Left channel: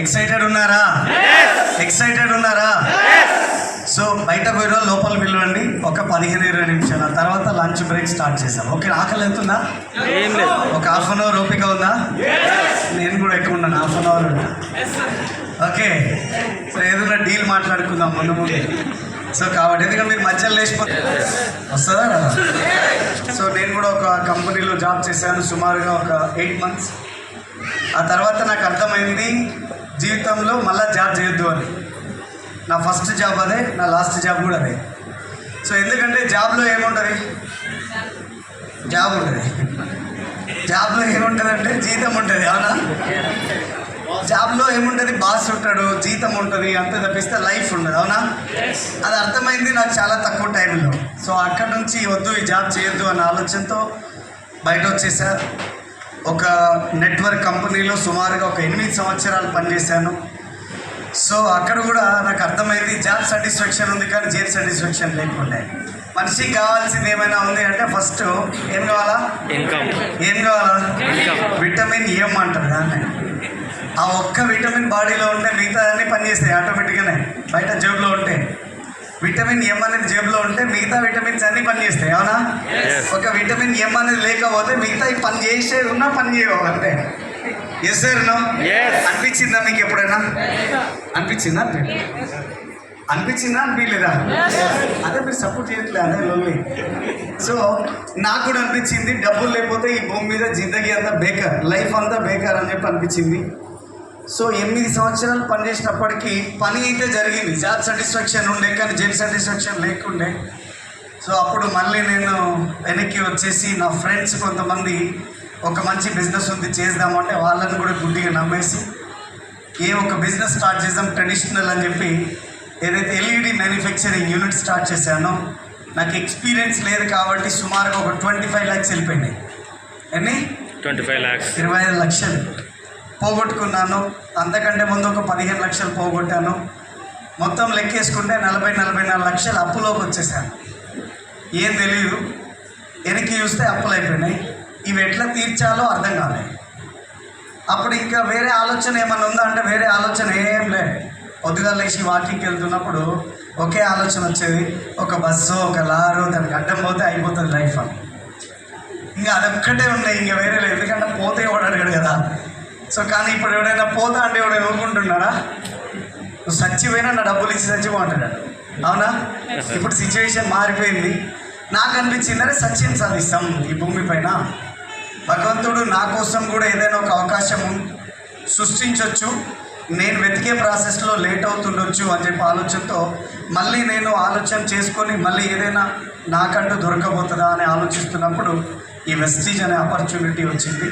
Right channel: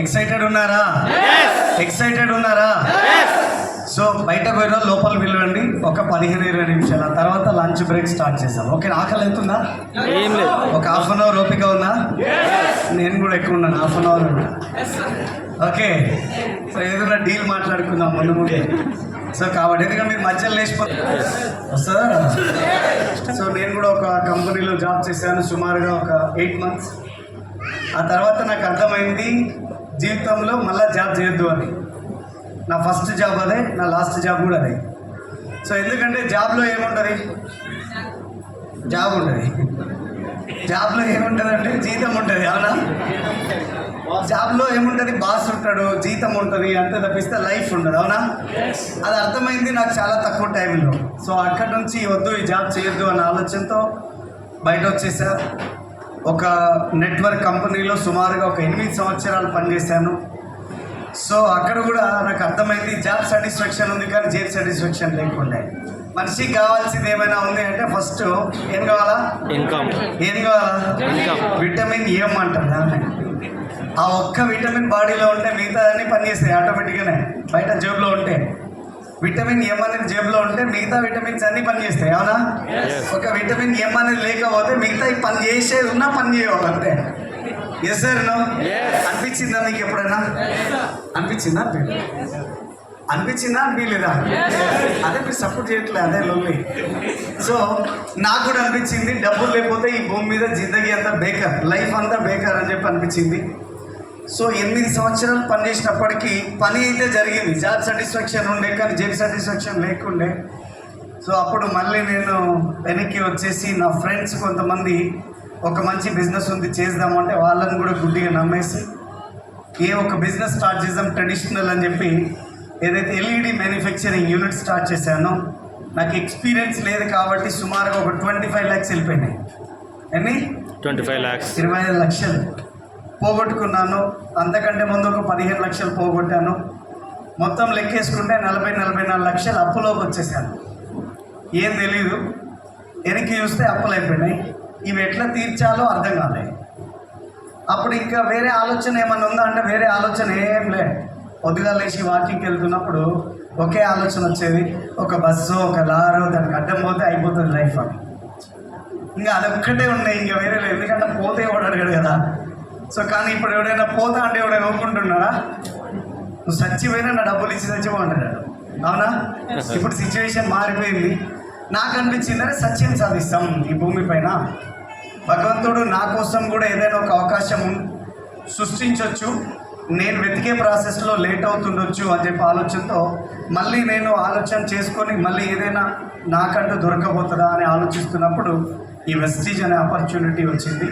Excited ఉన్నారా? Excited ఉన్నారా? So బయట పోయిన లోపల పిలవండి, ఒక 15-20 నిమిషాలు. ఆ తర్వాత లంచ్ బ్రేక్ స్టార్ట్ చేసాం. ఓకే, ఆకలి అవుతుందా? ఒక హాఫ్ అన్ అవర్ ఓపిక ఉందా? నేను కూడా ఎక్కువ ఉన్నాను, హాఫ్ అన్ అవర్ ఉన్నా. ఓకే, సో ఏదైనా డీల్ మాట్లాడుకుందాం ముందు. సో కాబట్టి ఎందుకంటే మీరు మధ్యలో లేచిపోతే వస్తుందా? సో నేను కూడా ఒక కంపెనీలో జాబ్ చేశాను సుమారుగా ఒక 8 months. ఆ తర్వాత నాకు అర్థమైంది జీవితంలో మళ్ళీ జాబ్ చేయొద్దు అని. నా ఫస్ట్ జాబ్ అదే, నా లాస్ట్ జాబ్ కూడా అదే. సో ఎందుకంటే జాబ్లో ఏముంటుంది? జాబ్లో ఏముంటుంది అంటే జీతం ఉంటుంది. అవునా? జాబ్లో ఏముంటుంది? బాస్ ఉంటాడు, జీతం ఉంటుంది, అంతే తప్పిస్తే లైఫ్ ఉండదు. అవునా? అది అర్థమైంది నాకు చాలా తక్కువ టైంలో. సో అక్కడ నుంచి వద్దు, ఈ జాబ్ చేయొద్దు అనే ఆలోచనతో బయట వచ్చేసా. ఒక నెట్వర్క్ కంపెనీలో సుమారుగా ఒక 8 సంవత్సరాలు పనిచేశాను. సో అక్కడ కూడా నాకు అర్థమైంది జాబ్ సాటిస్ఫాక్షన్ ఉంది కానీ జాబ్ సాటిస్ఫాక్షన్ లేకుండే. మనిషికి కావాల్సింది ఏమైనా ఉంది అంటే ఫస్ట్ ఏం కావాలా? ఇన్కమ్. ఏం కావాలా? ఇన్కమ్. విటమిన్ ఎం అంటారు దాన్ని. ఆ ఒక్క విటమిన్ బాడీలో ఉంటే మిగతా అన్నీ పనిచేస్తాయి ఆటోమేటిక్గానే. బయట జేబులో ఉంటే విటమిన్ ఎం అనేది జేబులో ఉంటే మిగతా విటమిన్స్ అన్నీ పనిచేస్తాయి. అవునా? ఒక విటమిన్ ఎం అనేది లేకపోతే మిగతా పని చేసేది ఉన్నా పని చేయవు అంతే. Yes sir no? అనిపించిందా మీకు ఎప్పుడైనా? అనిపించిందా? అనిపించలేదా? అదే మీరు సపోర్ట్ చేయట్లేదు, అదే లోన్లీ. సో నాకు కూడా అనిపించింది డబ్బులు లేకపోతే ఈ భూమి మీద జిందగీ అంతా బేకార్, లైఫ్ అంతా బేకార్ అని చెప్పి అనిపించింది. సో 8 సంవత్సరాలు పనిచేసినప్పటికీ పని అయితే జరిగింది, జాబ్ సాటిస్ఫాక్షన్ ఉండే కానీ జాబ్ సాటిస్ఫాక్షన్ లేకుండే. సో అప్పుడు మళ్ళీ నేను వెనక్కి వచ్చేసి నా ఫ్రెండ్స్ కొంతమంది ఒక మంచి బిజినెస్ ఉంది చేద్దామంటే వాళ్ళని కూడా గుడ్డిగా నమ్మేసి ఒక బిజినెస్ స్టార్ట్ చేద్దాం ట్రెడిషనల్ అని చెప్పి ఏదైతే ఎల్ఈడి మ్యానుఫ్యాక్చరింగ్ యూనిట్ స్టార్ట్ చేశానో నాకు ఎక్స్పీరియన్స్ లేదు కాబట్టి సుమారుగా ఒక 25 lakhs వెళ్ళిపోయినాయి. ఎన్ని? 25 lakhs. 25 లక్షలు పోగొట్టుకున్నాను. అంతకంటే ముందు ఒక 15 లక్షలు పోగొట్టాను. మొత్తం లెక్కేసుకుంటే 44 లక్షలు అప్పులోకి వచ్చేసాను. ఏం తెలియదు, వెనక్కి చూస్తే అప్పులు అయిపోయినాయి. ఇవి ఎట్లా తీర్చాలో అర్థం కాలేదు. అప్పుడు ఇంకా వేరే ఆలోచన ఏమైనా ఉందా అంటే వేరే ఆలోచన ఏం లేదు. పొద్దుగా లేచి వాకింగ్కి వెళ్తున్నప్పుడు ఒకే ఆలోచన వచ్చేది, ఒక బస్సు ఒక లారు దానికి అడ్డం పోతే అయిపోతుంది లైఫ్ అని. ఇంకా అదొక్కటే ఉన్నాయి, ఇంకా వేరే లేదు. ఎందుకంటే పోతే ఎవడు అడిగాడు కదా. సో కానీ ఇప్పుడు ఎవడైనా పోతా అంటే ఎవడైనా ఊరుకుంటున్నాడా? నువ్వు చచ్చిపోయినా నా డబ్బులు ఇచ్చి చచ్చిపోంటాడు. అవునా? ఇప్పుడు సిచ్యువేషన్ మారిపోయింది. నాకు అనిపించిందంటే సచిన్ సాధిస్తాం ఈ భూమిపైన. భగవంతుడు నా కోసం కూడా ఏదైనా ఒక అవకాశం సృష్టించవచ్చు. నేను వెతికే ప్రాసెస్లో లేట్ అవుతుండొచ్చు అని చెప్పి ఆలోచనతో మళ్ళీ నేను ఆలోచన చేసుకొని మళ్ళీ ఏదైనా నాకంటూ దొరకబోతుందా అని ఆలోచిస్తున్నప్పుడు ఈ వెస్టీజ్ అనే ఆపర్చునిటీ వచ్చింది.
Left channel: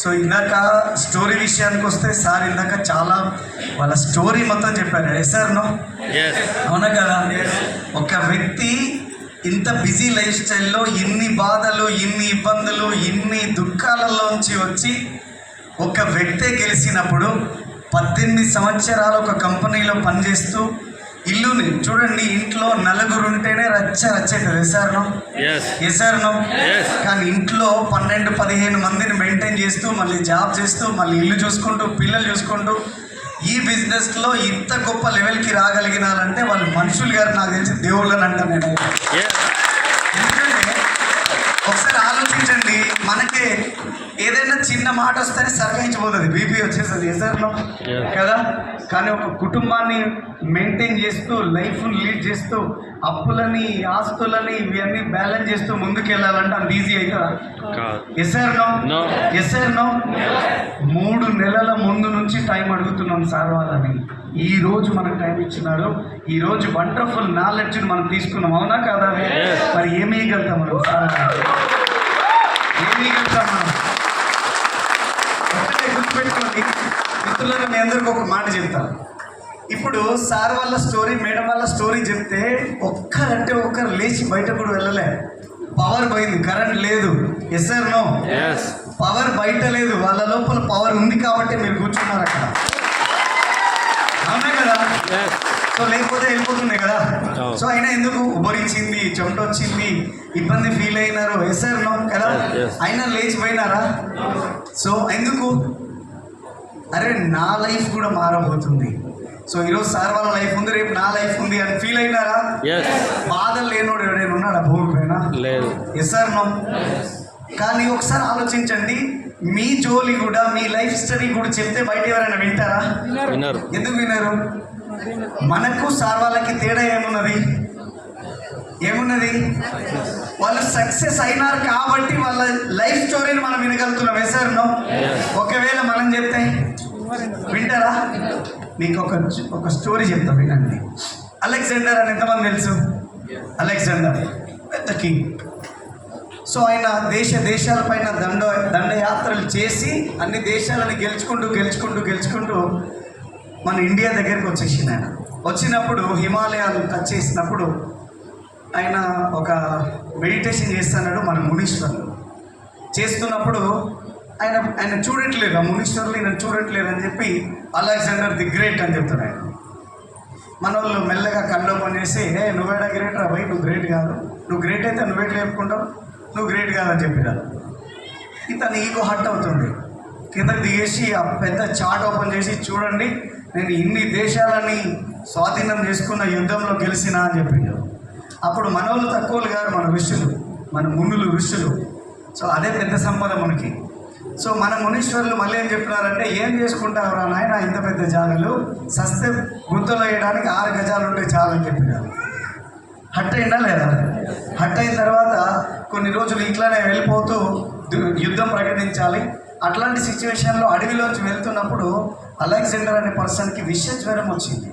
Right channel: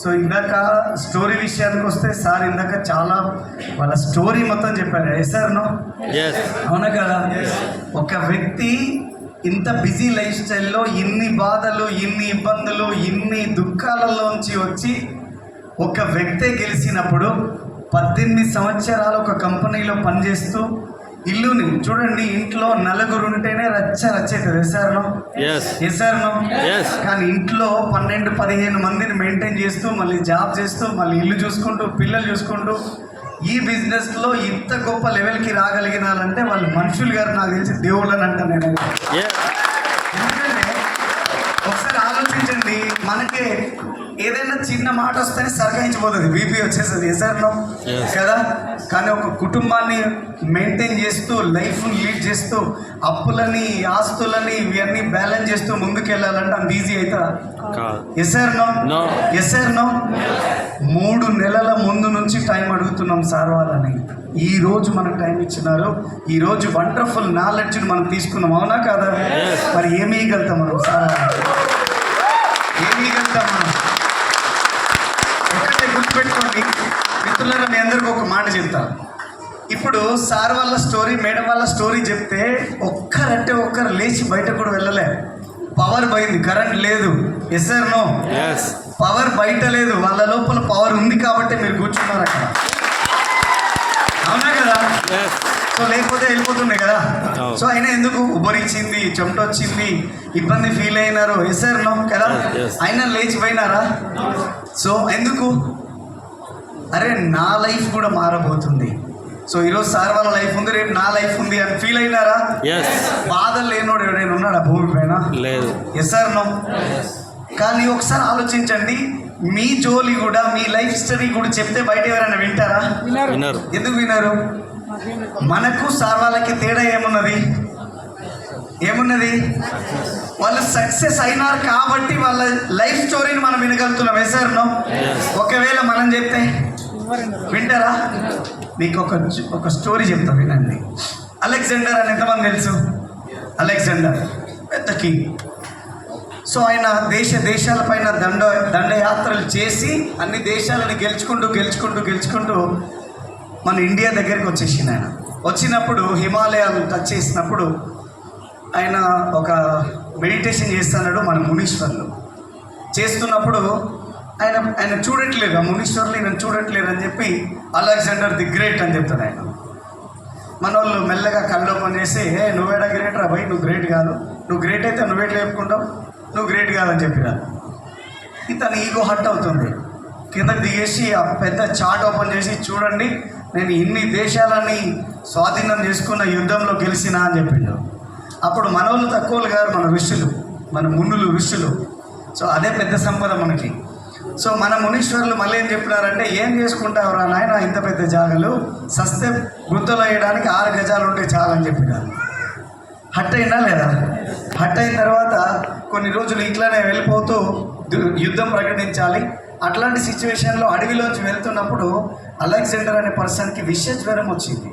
సో ఇందాక స్టోరీ విషయానికి వస్తే సార్ ఇందాక చాలా వాళ్ళ స్టోరీ మొత్తం చెప్పారు. Or no? అవునా కదా? ఒక వ్యక్తి ఇంత బిజీ లైఫ్ స్టైల్లో ఇన్ని బాధలు, ఇన్ని ఇబ్బందులు, ఇన్ని దుఃఖాలలోంచి వచ్చి ఒక వ్యక్తే గెలిచినప్పుడు 18 సంవత్సరాలు ఒక కంపెనీలో పనిచేస్తూ ఇల్లుని చూడండి, ఇంట్లో 4 ఉంటేనే రచ్చేటది. ఎస్ఆర్నో? ఎస్ఆర్నో? కానీ ఇంట్లో 12-15 మందిని మెయింటైన్ చేస్తూ మళ్ళీ జాబ్ చేస్తూ మళ్ళీ ఇల్లు చూసుకుంటూ పిల్లలు చూసుకుంటూ ఈ బిజినెస్లో ఇంత గొప్ప లెవెల్కి రాగలిగినారంటే వాళ్ళు మనుషులు గారు నాకు తెలిసి దేవుళ్ళని అంటాను నేను. ఎందుకంటే ఒకసారి ఆలోచించండి, మనకే ఏదైనా చిన్న మాట వస్తేనే సర్గాయించిపోతుంది, బీపీ వచ్చేస్తుంది. ఎసర్నో కదా. కానీ ఒక కుటుంబాన్ని మెయింటైన్ చేస్తూ, లైఫ్ని లీడ్ చేస్తూ, అప్పులని ఆస్తులని ఇవన్నీ బ్యాలెన్స్ చేస్తూ ముందుకు వెళ్ళాలంటే అంత ఈజీ అవుతుందా? ఎసర్నో 3 నెలల ముందు నుంచి టైం అడుగుతున్నాం సార్ వాళ్ళని. ఈ రోజు మనకు టైం ఇచ్చినారు. ఈ రోజు వండర్ఫుల్ నాలెడ్జ్ని మనం తీసుకున్నాం, అవునా కాదా? మరి ఏమి ఇవ్వగలుగుతాం మనం సార్ వాళ్ళకి? ఏమి ఇవ్వగలుగుతాం మనం? ఒకటే గుర్తుపెట్టుకోండి మిత్రులను, నేను అందరికీ ఒక మాట చెప్తాను. ఇప్పుడు సార్ వాళ్ళ స్టోరీ, మేడం వాళ్ళ స్టోరీ చెప్తే ఒక్కరంటే ఒక్కరు లేచి బయట కూడా వెళ్ళలే. పవర్ పోయింది, కరెంట్ లేదు. Yes or no? పవర్ బయట లేదు, వాళ్ళ లోపల పవర్ ఉంది కాబట్టి మీరు కూర్చున్నారు అక్కడ, అవునా కదా? సో లేకపోతే వెళ్ళిపోతున్నాయి కదా. సో అయినా ఎందుకు ఉబ్బరించింది, చెమట వచ్చింది, ఇబ్బంది ఫీల్ అయినారు. ఎస్ ఆర్ నో కదా? అయినా లేచిపోయినారా? సో ఎందుకు? అరే నా లైఫ్ కూడా మారబోతుంది. సో ఈరోజు సార్ వాళ్ళ లైఫ్ ఉంది, రేపు నా లైఫ్ ఉంది అని ఫీల్ అయినారా? బాధలు లేనోడు ఎవడైనా ఉన్నాడా భూమి పైన? లేదు. Yes or no? కానీ ఒకసారి ఆలోచించండి, మీ జోలి కూడా, మీ లైఫ్ స్టోరీ కూడా చెప్తే బయట ఎవరైనా వింటారా? వినరు. ఎందుకు వినరు? మనకు సార్ వాళ్ళకి తేడా ఏమున్నది? వాళ్ళు సక్సెస్ అయినారు కాబట్టి వాళ్ళ లైఫ్ స్టోరీని మనం వినగలుగుతున్నాం. Yes or no? ఒకవేళ మనం చెప్తే వింటారా? మీకు ఒక స్టోరీ చెప్తా, వినండి. అలెగ్జాండర్ అని ఎంతమంది తెలుసు? అలెగ్జాండర్ పెద్ద కింగ్. సో ఆయన దేశాల పైన దండయాత్రలు చేసి అన్ని దేశాలను గెలుచుకుంటూ మన ఇండియా దగ్గరికి వచ్చేసింది. ఆయన వచ్చినప్పుడు హిమాలయాలు టచ్ చేసినప్పుడు ఆయన ఒక మెడిటేషన్ చేస్తున్నాడు. మన మునీశ్వర్లు చేస్తున్నప్పుడు ఆయన చూడట్లేదు, ఆ మునీశ్వర్లు నేను చూడట్లేదు అని చెప్పి అలెగ్జాండర్ ది గ్రేట్ అని చెప్తాడు ఆయన. మన వాళ్ళు మెల్లగా కళ్ళు ఓపెన్ చేసి, నువ్వేడా గ్రేట్ రా భయ్, నువ్వు గ్రేట్ కాదు, నువ్వు గ్రేట్ అయితే నువ్వేట్లు చెప్పుకుంటావు, నువ్వు గ్రేట్ కాదని చెప్పినారు. తన ఈగో హర్ట్ అవుతుంది. కిందకి దిగేసి ఆ పెద్ద చార్ట్ ఓపెన్ చేసి, చూడండి నేను ఇన్ని దేశాలని స్వాధీనం చేసుకున్న యుద్ధంలో గెలిచినా అని చెప్పిండు. అప్పుడు మన వాళ్ళు తక్కువలు గారు, మన ఋషులు, మన మునులు ఋషులు. సో అదే పెద్ద సంపద మనకి. సో మన మునీశ్వరులు మళ్ళీ ఏం చెప్పినారంటే, ఏం చేసుకుంటావురా నాయన ఇంత పెద్ద జాగలు, సస్తే గుంతలు వేయడానికి 6 గజాలు ఉంటే చాలని చెప్పినారు. హట్ అయినా లేదా? హట్ అయిన తర్వాత కొన్ని రోజులు ఇట్లానే వెళ్ళిపోతూ యుద్ధం ప్రకటించాలి. అట్లాంటి సిచ్యువేషన్లో అడవిలోంచి వెళ్తున్నప్పుడు అలెగ్జాండర్ అనే పర్సన్కి విషజ్వరం వచ్చింది.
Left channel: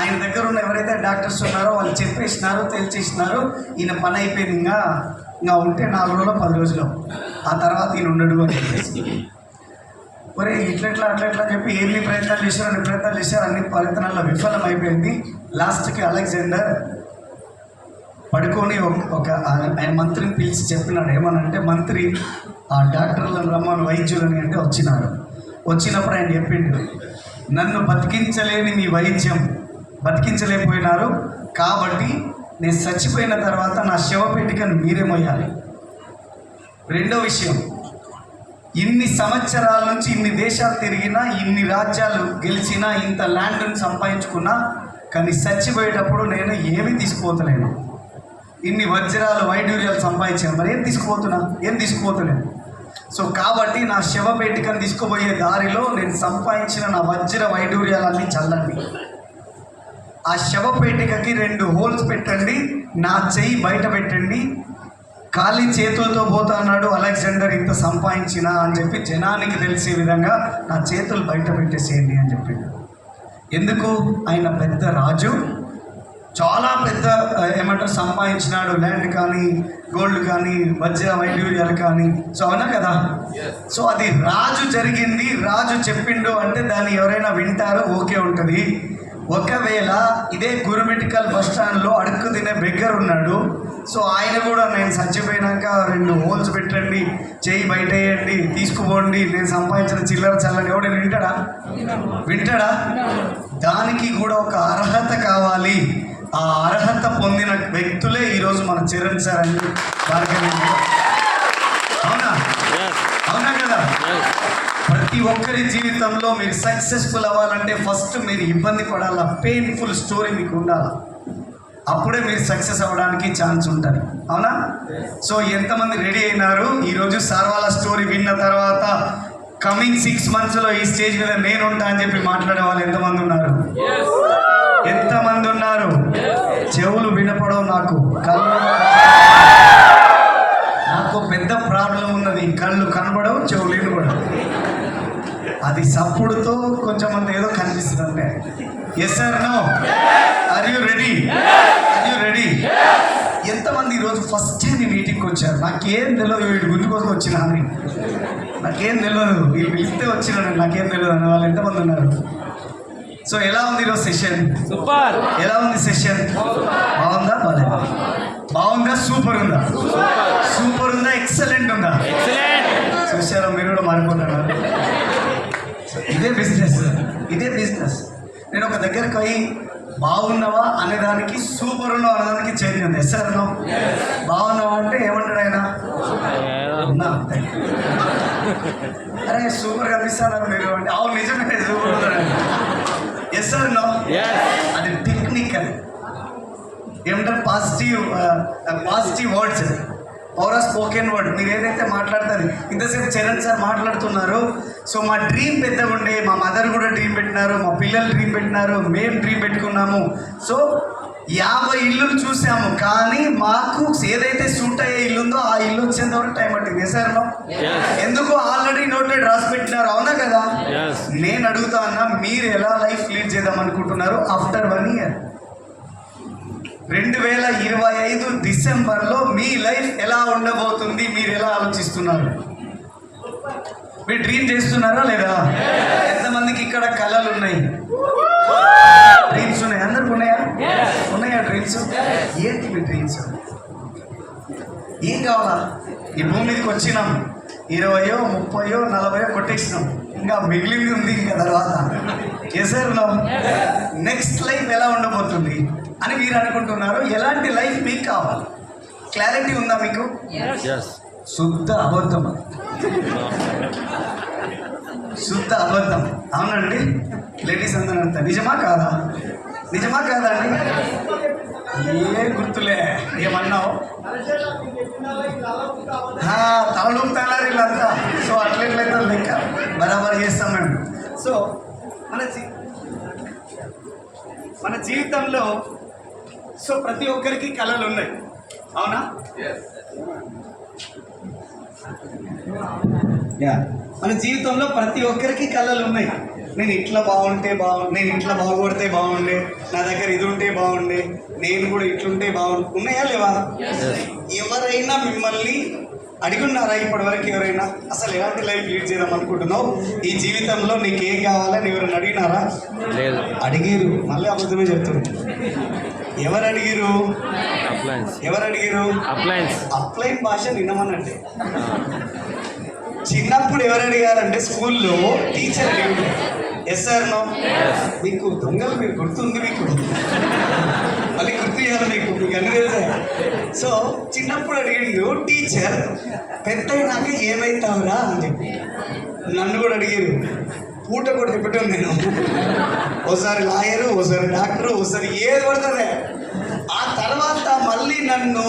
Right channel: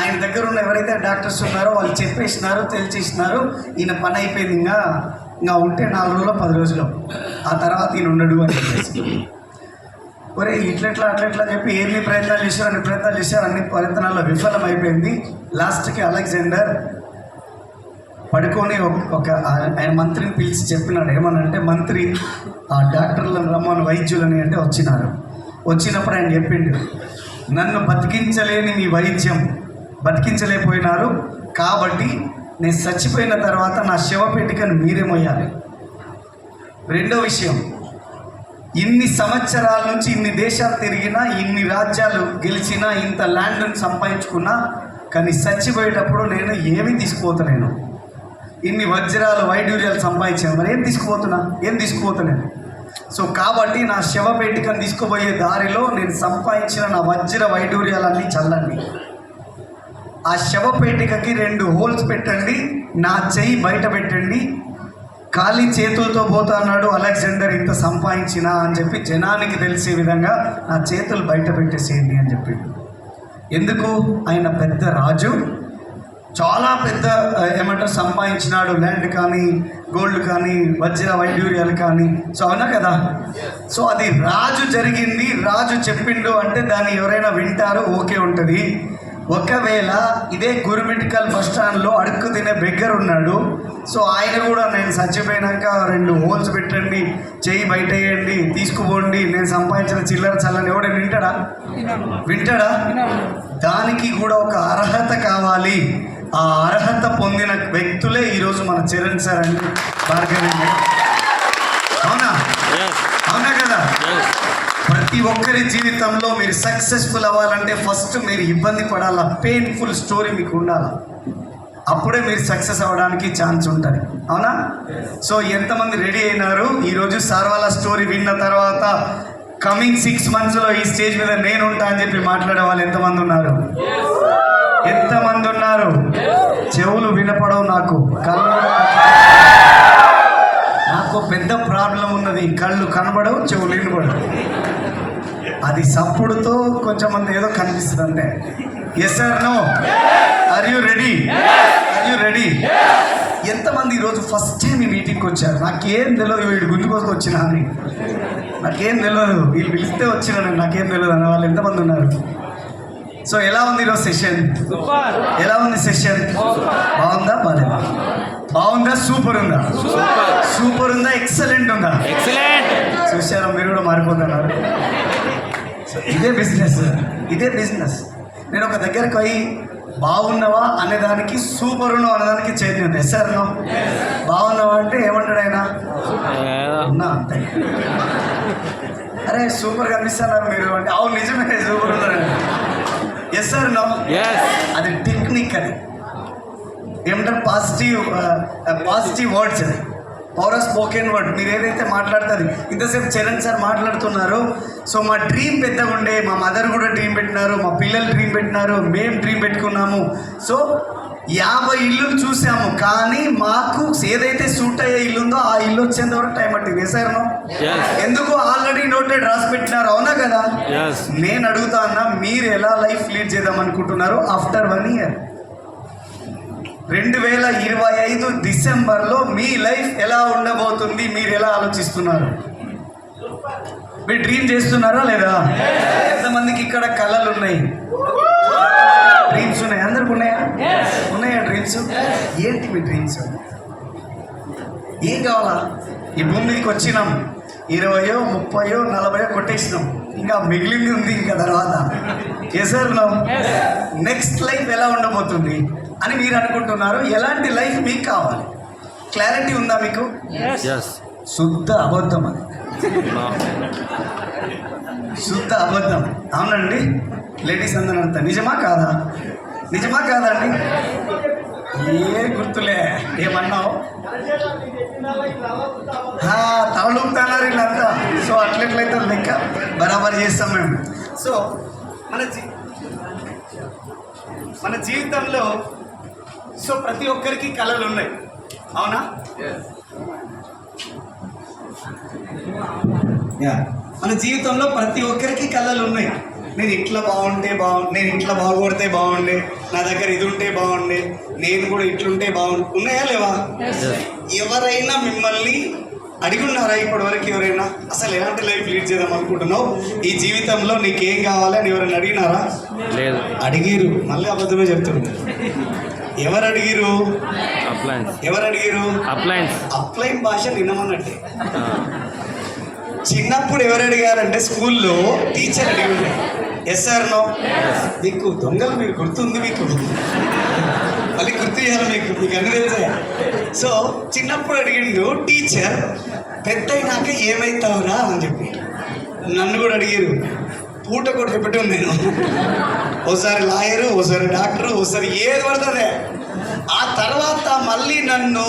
ఆయన దగ్గర ఉన్న ఎవరైతే డాక్టర్స్ ఉన్నారో వాళ్ళు చెప్పేసినారు, తెలిచేసినారు, ఈయన పని అయిపోయింది, ఇంకా ఉంటే 4 రోజులు 10 రోజులు, ఆ తర్వాత ఈయన ఉండడు అని చెప్పేసి. ఒరే అట్లా చెప్పి ఎన్ని ప్రయత్నాలు చేశారు, అన్ని ప్రయత్నాల్లో విఫలం అయిపోయింది. లాస్ట్కి అలెగ్జాండర్ పడుకొని ఆయన మంత్రిని పిలిచి చెప్పినాడు. ఏమనంటే, మంత్రి ఆ డాక్టర్లను రమ్మని, వైద్యులని అంటే వచ్చినప్పుడు ఆయన చెప్పిండు, నన్ను బతికించలేని మీ వైద్యం బతికించలేకపోయినారు కాబట్టి నేను చచ్చిపోయిన తర్వాత నా శవపేటికను మీరే మోయాలి. రెండో విషయం, ఇన్ని సంవత్సరాల నుంచి ఇన్ని దేశాలు తిరిగినా, ఇన్ని రాజ్యాలు గెలిచినా, ఇంత ల్యాండ్ని సంపాదించుకున్నా, కానీ చచ్చిపోయేటప్పుడు నేను ఏమి తీసుకుపోతలేను. ఇన్ని వజ్రాలు వైడూర్యాలు సంపాదించాను, మరి ఏం తీసుకుపోతున్నాను. సో కాబట్టి నా శవపేటికను తీసుకుపోయే దారిలో నేను సంపాదించిన నా వజ్ర వైడూర్యాలన్నీ చల్లండి. ఆ శవపేటికకి 2 హోల్స్ పెట్టండి, నా చెయ్యి బయట పెట్టండి, ఖాళీ చేతులతో పోతున్నాడు అలెగ్జాండర్ ఇంత సంపాదించిన అని చెప్పి జనానికి తెలిసే విధంగా నా చేతులు బయట పెట్టేసేయండి అని చెప్పి. ఎందుకు? ఆయన పెద్ద రాజు, చాలా పెద్ద సంపాదించినాడు, ల్యాండ్ కానీ, గోల్డ్ కానీ, వజ్ర వైడూర్యాలు కానీ. సో అవునా కదా? సో అది రాజు జరిగింది, రాజు చెప్పిండు అంటే దాన్ని ఎవరైనా వింటారో ఓకే ఉంటుంది. ఒకవేళ ఇదే గురుమిటికల్ బస్ స్టాండ్లో అడుక్కు తినే బెగ్గర్ ఉన్నాడు, సో ఆయన కూడా నేను చచ్చిపోయినాక 2 హోల్స్ పెట్టండి, చేయి బయట వేయండి, తీసుకుపోండి, నేను సంపాదించిన చిల్లర చల్లని, ఎవడైనా వింటాడా? దానికి కూడా ఒక అర్హత కావాలి. ఆ అర్హత పొందిన వ్యక్తులే ఈరోజు మన చరణ్ సార్ అని భార్గవి. అవునా కదా? ప్రతి ఒక్కరి జీవితంలో మీరు సక్సెస్ఫుల్ అవ్వాలంటే ఫస్ట్ మీరు ఇబ్బంది పడాలా, పెయిన్ఫుల్ స్టోరీ మీకు ఉండాలా. అప్పుడే మీరు సక్సెస్ అవ్వడానికి ఛాన్స్ ఉంటుంది. అవునా? సో ఎంతమంది రెడీ అయినారు ఈరోజు సార్ వాళ్ళ స్టోరీ విన్న తర్వాత కమింగ్ 6 monthsలో ఈ స్టేజ్ మీద నేను ఉంటా అని చెప్పి మాట్లాడే వాళ్ళు ఎంతమంది ఉన్నారు? ఎంతమంది ఉన్నారు? చెవులు వినపడవు, నాకు నాకు పెద్ద ప్రాబ్లం ఉన్నది, కళ్ళు కనబడవు, చెవులు వినపడవు. అది సప్పుడుతో కొంచెం మంది ఏదో కనిపిస్తుంది అంటే. Yes sir, no? Are you ready? Are you ready? ఎంతమంది ఈరోజు ఫస్ట్ టైం ఈ మీటింగ్కి వచ్చారు? నాకేం తెలియదు, వీడి గుండు కోసం వచ్చినా అని, నాకేం తెలియదు, వీళ్ళు పిలిస్తే వచ్చినాను, నాకేం తెలియదు అన్న వాళ్ళు ఎంతమంది ఉన్నారు? సో ఎలా ఉంది ఈరోజు సెషన్? ఎలా ఉంది సెషన్? బాగుందా? బాగా బాగుందా? సూపర్ ఉందా? సూపర్ ఉందా? ఎక్సలెంట్ ఉందా? చూసారా, మీరు కూడా మారిపోతున్నారు. ఇదే బిజినెస్, ఇదే బిజినెస్. నేను ఒక దగ్గరకు పోయి బాగున్నావా అనేదానికి సూపర్ ఉన్నావు అనేదానికి చేంజ్ ఉంది. Yes sir, no? బాగున్నావా అంటే ఏమంటాడు ఆయన? ఉన్నా అంతే. అరే సూపర్ కనిపిస్తున్నారు మీరు అంటే, అవును నిజమే సూపర్ ఉన్నాడు. Yes sir, no? అది టెక్నిక్, అది ఏమంటారు పాజిటివ్ వర్డ్స్, అది పవర్ ఆఫ్ స్పోకెన్ వర్డ్. మీరు ఏదైతే మాట్లాడుతుంది, ఇంతసేపు చరణ్ సార్ మాట్లాడుతున్నారు. సో మా డ్రీమ్ పెద్దగా ఉండే, మా మదర్ కూడా డ్రీమ్ పెట్టినారు, మా పిల్లలు డ్రీమ్ పెట్టినారు, మేము డ్రీమ్ పెట్టుకున్నాము. సో 50 ఇల్లులు చూసాము, కానీ మాకు ఏదైతే సూట్ అయ్యే ఇల్లు ఉందో ఆ ఇల్లు వచ్చేంత వరకు టైం పట్టింది. సార్ ఎందుకు ఆల్రెడీ నోటెడ్ రాసి పెట్టినారు, అవునా కదా? నేను అడుగుతా అన్నా, మీరు ఎలా లైఫ్ లీడ్ చేద్దాం అనుకుంటున్నారు ఆఫ్టర్ 1 year? 2025 డిసెంబర్లో మీ లైఫ్ ఎలా ఉండబోతుంది? మీరు ఎలా ఆలోచిస్తున్నారు? మీరు డ్రీమ్ చేస్తున్నారా లేదా? ఎంతమందికి ఇక్కడ కళలు ఉన్నాయి? డ్రీమ్స్ ఉన్నాయి? అందరికి ఉన్నాయా? ఉన్నాయా డ్రీమ్స్? ఏంటి మీ డ్రీమ్స్? ఏం కావాలా? ఈ భూమి మీదకి వచ్చినాం, 20, 30, 40 కొట్టేసినాం, ఇంకా మిగిలింది ఉంది ఇంకా తర్వాత. చేసారు నెక్స్ట్ లైఫ్ ఎలా ఉండబోతుంది అని మీరు అనుకుంటున్నారు. ఎలాంటి లైఫ్ మీకు కావాలి? క్లారిటీ ఉందా మీకు? శుద్ధ అబద్ధం, అది శుద్ధ అబద్ధం. అవునండి లేడీస్ అందరూ అంతా నిజమా కాదా? నిజమా కాదండి? ఏ గుర్తులే, ఏమన్నావు? తలలుపుతున్నారు వీళ్ళంతా. సో అట్లెట్లయితే లెక్క బరాబర్ చేస్తాం మేము. సో మన జీవితంలో సో ప్రతి ఒక్కరికి కళలు ఉన్నాయి, అవునా? మన జీవితంలో ప్రతి ఒక్కరికి కళలు ఉన్నాయి. నేను ఇట్లా బాగుంటే నేను ఇట్లా బాగుపడితే బాగుండే, నా దగ్గర ఇది ఉంటే బాగుండే, నేను కూడా ఇట్లుంటే బాగుండు. ఉన్నాయా లేవా? ఎవరైనా మిమ్మల్ని అడిగున్నారా ఇప్పటి వరకు? ఎవరైనా అసలు ఎలాంటి లైఫ్ లీడ్ చేద్దాం అనుకుంటున్నావు, ఈ జీవితంలో నీకేం కావాలని ఎవరైనా అడిగినారా? అడిగిరు, మళ్ళీ అబద్ధమే చెప్తున్నారు. ఎవరు అడిగిరు? ఎవరు అడిగిరు? అప్లైన్ భాష వినమన్నట్టే. చిన్నప్పుడు ఎవరు అడిగారంటే స్కూల్లో టీచర్ అడిగారు. Yes sir, no? మీకు దొంగలు, మీరు గుర్తుంది? మీకు మళ్ళీ గుర్తు చేయాలి, మీకు అన్ని తెలుసా? సో చిన్నప్పుడు అడిగిండు టీచర్, పెద్ద అయినాక ఏమైతావురా అని చెప్పి. నన్ను కూడా అడిగారు, పూట కూడా పెట్టాను నేను. ఓసారి లాయరు, ఓసారి డాక్టరు, ఓసారి ఏది పడుతుందే. ఆ తర్వాత మళ్ళీ నన్ను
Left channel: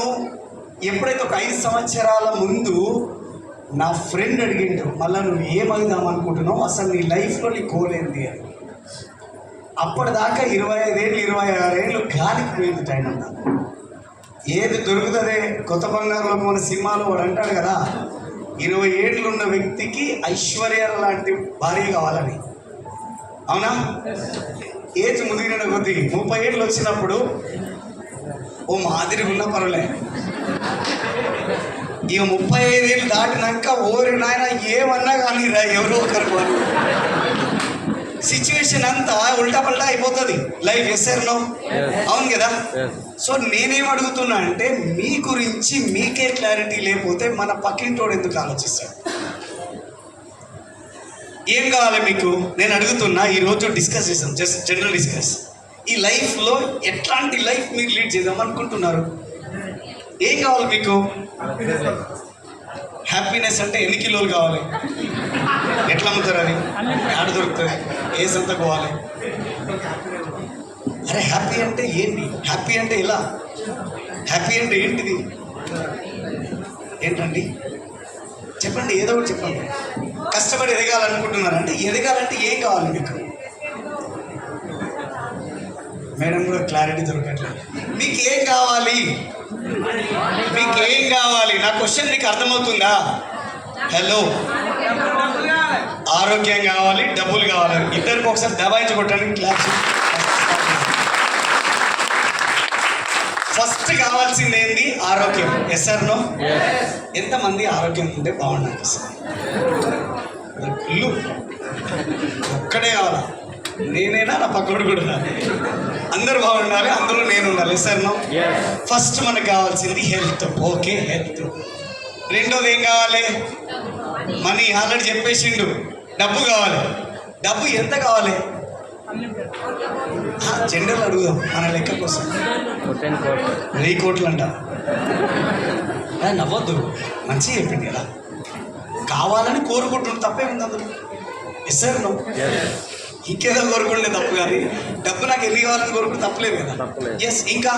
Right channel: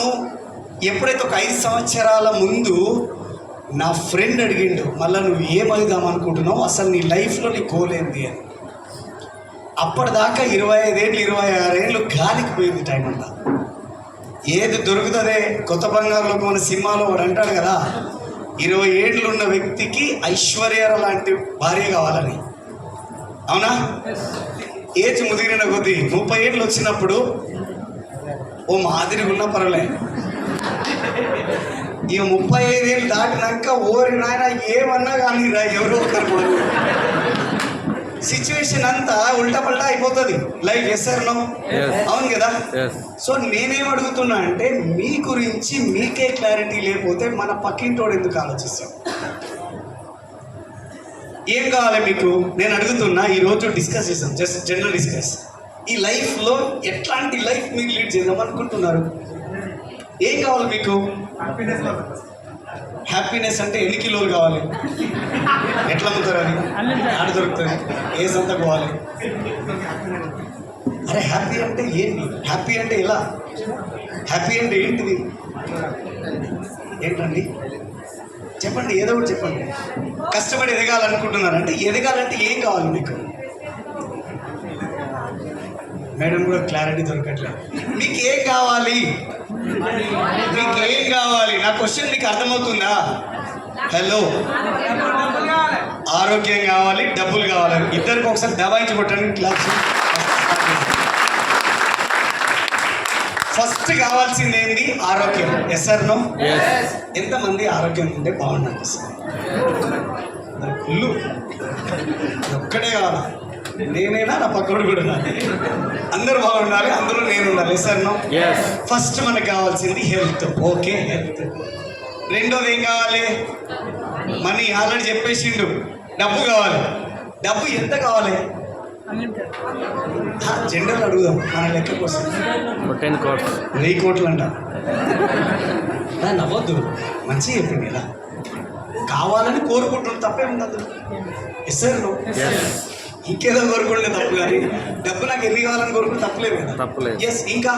ఎప్పుడైతే ఒక 5 సంవత్సరాల ముందు నా ఫ్రెండ్ అడిగిండు, మళ్ళీ నువ్వు ఏమవుదాం అనుకుంటున్నావు, అసలు నీ లైఫ్లో నీ గోల్ ఏంది అని. అప్పటిదాకా 25 ఏళ్ళు 26 ఏళ్ళు గాలికి పోయింది టైం అంతా. ఏది దొరుకుతుందే, కొత్త బంగారులో మన సినిమాలో వాడు అంటాడు కదా, 20 ఏళ్ళు ఉన్న వ్యక్తికి ఐశ్వర్య లాంటి భార్య కావాలని, అవునా? ఏజ్ ముదిరిన కొద్దీ 30 ఏళ్ళు వచ్చినప్పుడు ఓ మాదిరిగా ఉన్నా పర్వాలే, ఇక 35 ఏళ్ళు దాటినాక ఓరి నాయన ఏమన్నా కానీ రా, ఎవరో ఒకరు సిచ్యువేషన్ అంతా ఉల్టా పల్టా అయిపోతుంది లైఫ్. Yes sir, no? అవును కదా? సో నేనేం అడుగుతున్నా అంటే, మీ గురించి మీకే క్లారిటీ లేకపోతే మన పక్కింటోడు ఎందుకు ఆలోచిస్తాడు? ఏం కావాలి మీకు? నేను అడుగుతున్నా, ఈరోజు డిస్కస్ చేసాం, జస్ట్ జనరల్ డిస్కస్. ఈ లైఫ్లో ఎట్లాంటి లైఫ్ మీరు లీడ్ చేద్దాం అనుకుంటున్నారు? ఏం కావాలి మీకు? హ్యాపీనెస్ అంటే ఎన్ని కిలోలు కావాలి? ఎట్లా అమ్ముతారు? అది ఆడ దొరుకుతుంది? ఏ సంతకు పోవాలి? అరే హ్యాపీ అంటే ఏంటి? హ్యాపీ అంటే ఎలా? హ్యాపీ అంటే ఏంటిది? ఏంటండి చెప్పండి, ఏదో ఒకటి చెప్పండి. కష్టపడి ఎదగాలనుకుంటున్నారంటే ఎదగాలంటే ఏం కావాలి మీకు? మేడం కూడా క్లారిటీ దొరకట్లేదు. మీకు ఏం కావాలి? మీకు ఏం కావాలి? నా క్వశ్చన్ మీకు అర్థమవుతుందా? హలో, ఆరోగ్యం కావాలి, డబ్బులు కావాలి. ఇద్దరికి ఒకసారి దబాయించి కొట్టడానికి క్లాస్. ఫస్ట్ కావాల్సింది ఏంటి? ఆరోగ్యం. Yes or no? ఎంతమంది ఆరోగ్యం ఉంటే బాగుండాలి? ఇల్లు ఒక్కడే కావాలా? నేనైనా నా పక్కడు కూడా అందరూ బాగుండాలి, అందులో నేను ఉండాలి. Yes or no? ఫస్ట్ మనకు కావాల్సింది హెల్త్. Okay, health. రెండోది ఏం కావాలి? మనీ. ఆల్రెడీ చెప్పేసిండు. డబ్బు కావాలి. డబ్బు ఎంత కావాలి? జెండర్లు అడుగుదాం మన లెక్క కోసం. 1000 కోట్లు అంట. నవ్వద్దు, మంచిగా చెప్పింది కదా. కావాలని కోరుకుంటుంది, తప్పే ఉంది అందులో. Yes sir no? ఇంకేదో కోరుకుంటే తప్పు, కానీ డబ్బు నాకు ఎన్ని కావాలని కోరుకుంటే తప్పలేదు కదా. ఎస్. ఇంకా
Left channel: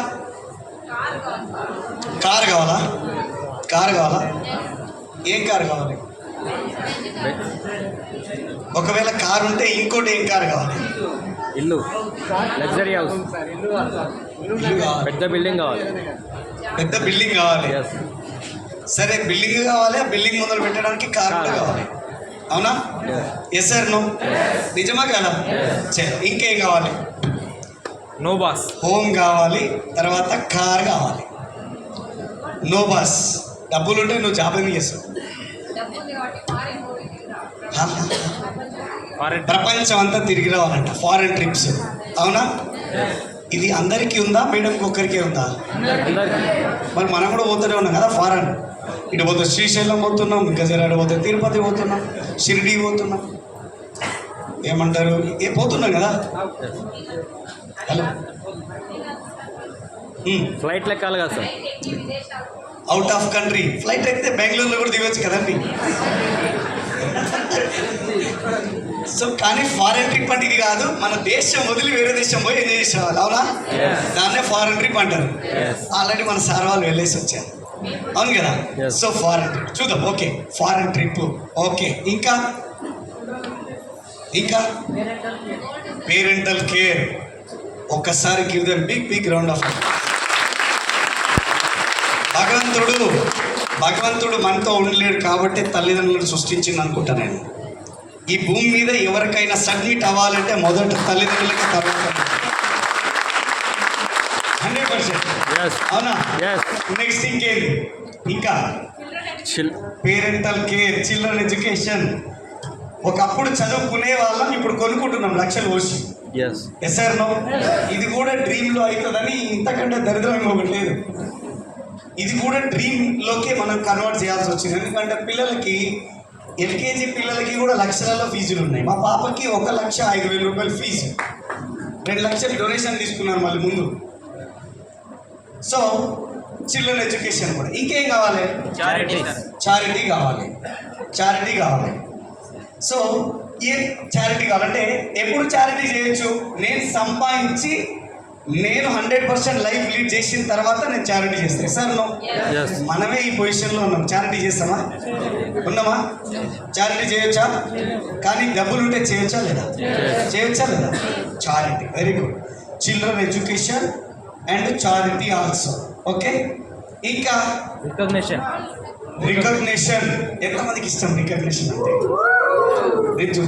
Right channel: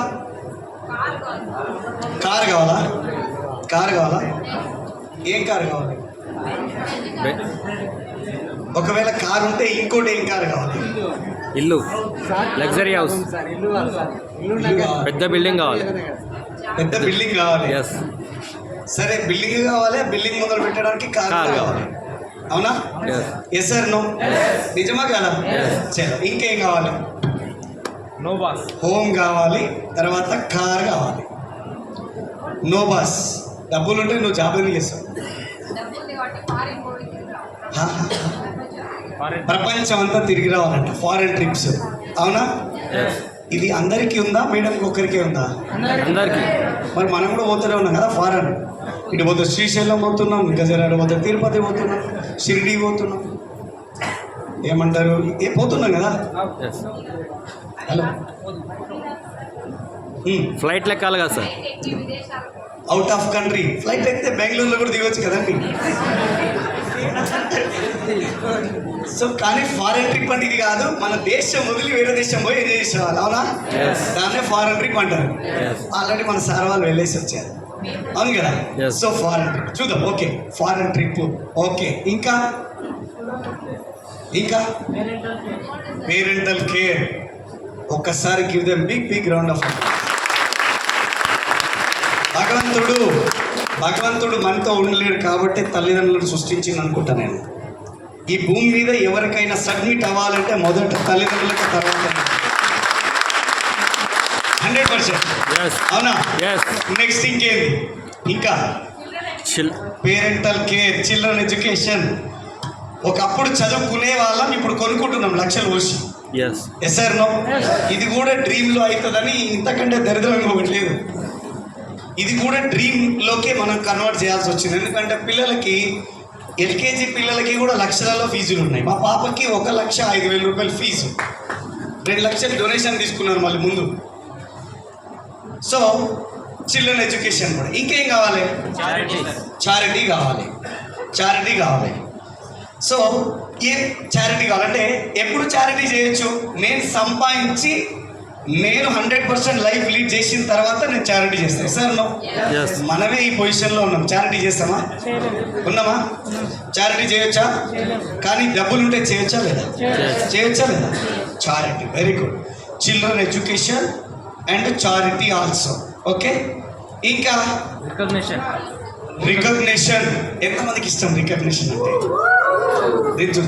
కారు కావాలా? కారు కావాలా? ఏం కారు కావాలి? ఒకవేళ కారు ఉంటే ఇంకోటి ఏం కారు కావాలి? ఇల్లు, లగ్జరీ హౌస్, పెద్ద బిల్డింగ్ కావాలి. పెద్ద బిల్డింగ్ కావాలి. సరే, బిల్డింగ్ కావాలి. బిల్డింగ్ మొదలు పెట్టడానికి కారు కావాలి. అవునా? Yes sir no? నిజమా కదా? చలో, ఇంకేం కావాలి? No boss. హోమ్ కావాలి, తర్వాత కార్ కావాలి. No boss. డబ్బులు ఉంటే నువ్వు జాబ్ ఏమి చేస్తావు? ప్రపంచం అంతా తిరిగి రావాలంట, ఫారెన్ ట్రిప్స్. అవునా? ఇది అందరికీ ఉందా? మేడంకి ఒక్కరికే ఉందా? అందరికీ. మరి మనం కూడా పోతూనే ఉన్నాం కదా ఫారెన్. ఇటు పోతే శ్రీశైలం పోతున్నాం, గజరాడు పోతే తిరుపతి పోతున్నాం, షిరిడి పోతున్నాం, ఏమంటారు పోతున్నాం కదా. హలో, ఫ్లైట్ లెక్కాలి కదా sir? Out of country flight ఎక్కితే బెంగళూరులో కూడా దిగొచ్చు కదండి. సో కానీ ఫారెన్ ట్రిప్ అంటే ఇది కాదు. మన దేశం వదిలి వేరే దేశం పోయి ఎంజాయ్ చేసేవాళ్ళు. అవునా? దాన్నే ఫారెన్ ట్రిప్ అంటారు. ఆల్రెడీ మన సార్ వాళ్ళు వెళ్ళేసి వచ్చారు. అవును కదా? సో ఫారెన్ ట్రిప్ చూద్దాం. Okay, foreign trip. ఓకే, ఇంకా ఇంకా పేరెంటల్ కేర్. ఒక్కసారి give them big round of. భగవంతుడు మనతో ఉండలేడు కాబట్టి తల్లిదండ్రులను సృష్టించింది అనుకుంటా నేను. ఈ భూమి మీద ఎవరికైనా సబ్మిట్ అవ్వాలంటే మొదట తల్లిదండ్రులకి, తర్వాత 100%. అవునా? నెక్స్ట్ ఇంకేంది? ఇంకా పేరెంటల్ కేర్, చిల్డ్రన్ ఎడ్యుకేషన్. ఒకప్పుడు చదువుకునే వాళ్ళం, ఇప్పుడు కొనుక్కుంటున్నాం లక్షలు పోసి. Yes sir no? ఇది కూడా డ్రీమ్లో అవుతుందని ఇంతకంటే దరిద్రంగా ఒకటి లేదు. ఇది కూడా డ్రీమ్లోకే మనం కన్వర్ట్ చేయాల్సి వచ్చింది. ఎందుకంటే పిల్లలకి, ఎల్కేజీ పిల్లలకి కూడా లక్షలలో ఫీజులు ఉన్నాయి. మా పాపకి 1,05,000 రూపాయలు ఫీజు, 2 లక్షలు డొనేషన్ తీసుకున్నారు మళ్ళీ ముందు. సో చిల్డ్రన్ ఎడ్యుకేషన్ కూడా. ఇంకేం కావాలి? చారిటీ కావాలి. సో ఏ చారిటీ కావాలంటే ఎప్పుడు చారిటీ చేయొచ్చు? నేను సంపాదించి నేను 100% లైఫ్ లీడ్ చేసిన తర్వాత నేను చారిటీ చేస్తాను. Or no? మనమే ఈ పొజిషన్లో ఉన్నాం. చారిటీ చేస్తామా? ఉన్నామా? చారిటీ చేయొచ్చా? కానీ డబ్బులు ఉంటే చేయొచ్చా లేదా? Charity. Very good. Children education and charity also. Okay, ఇంకా రికగ్నిషన్. ఎంతమందికి ఇష్టం రికగ్నిషన్ అంటే? దించు.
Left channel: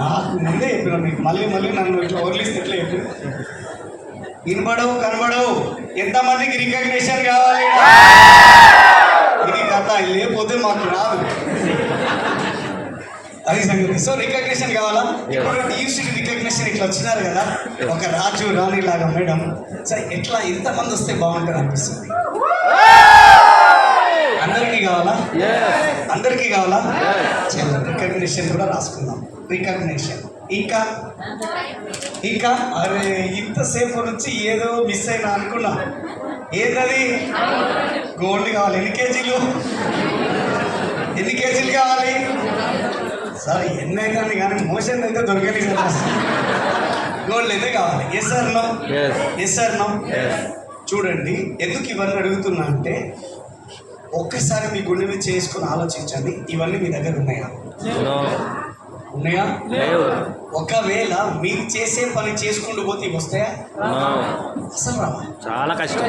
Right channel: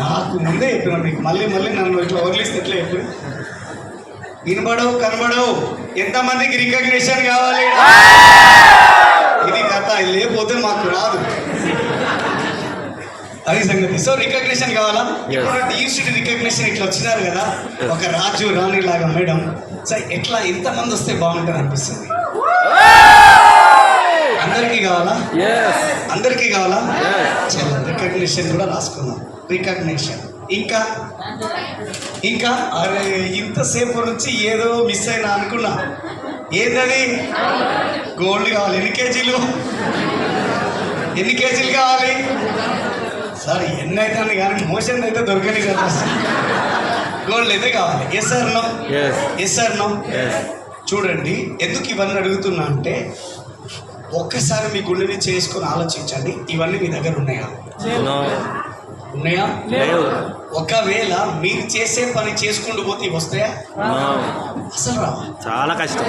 నాకు ముందే చెప్పిన మీకు, మళ్ళీ నన్ను ఇట్లా వదిలిస్తే ఎట్లా చెప్పు? వినబడవు కనబడవు. ఎంతమందికి రికగ్నిషన్ కావాలి? ఇది కథ, లేకపోతే మాకు రాదు. అది సంగతి. సో రికగ్నిషన్ కావాలా? ఇప్పుడు యూనివర్సిటీ రికగ్నిషన్ ఇట్లా వచ్చినారు కదా, ఒక రాజు రాణి లాగా మేడం. సో ఎట్లా ఎంతమంది వస్తే బాగుంటుంది అనిపిస్తుంది? అందరికీ కావాలా? చలో, రికగ్నిషన్ కూడా రాసుకుందాం. రికగ్నిషన్. ఇంకా అరే ఇంతసేపు నుంచి ఏదో మిస్ అయినా అనుకున్నా. ఏదది? గోల్డ్ కావాలి. ఎన్ని కేజీలు కావాలి? సరే, ఎన్ని అయితే కానీ మోషన్ అయితే దొరకని కదా. గోల్డ్ అయితే కావాలి. Yes or no? Yes yes or no? Yes. చూడండి, ఎందుకు ఇవన్నీ అడుగుతున్నా అంటే ఒక్కసారి మీ గుండె మీద చేసుకొని ఆలోచించండి, ఇవన్నీ మీ దగ్గర ఉన్నాయా? నో. ఉన్నాయా? లేవు. ఒకవేళ మీరు చేసే పని చేసుకుంటూ పోతే ఇవి వస్తాయా? నో. అసలు రావా? చాలా కష్టం.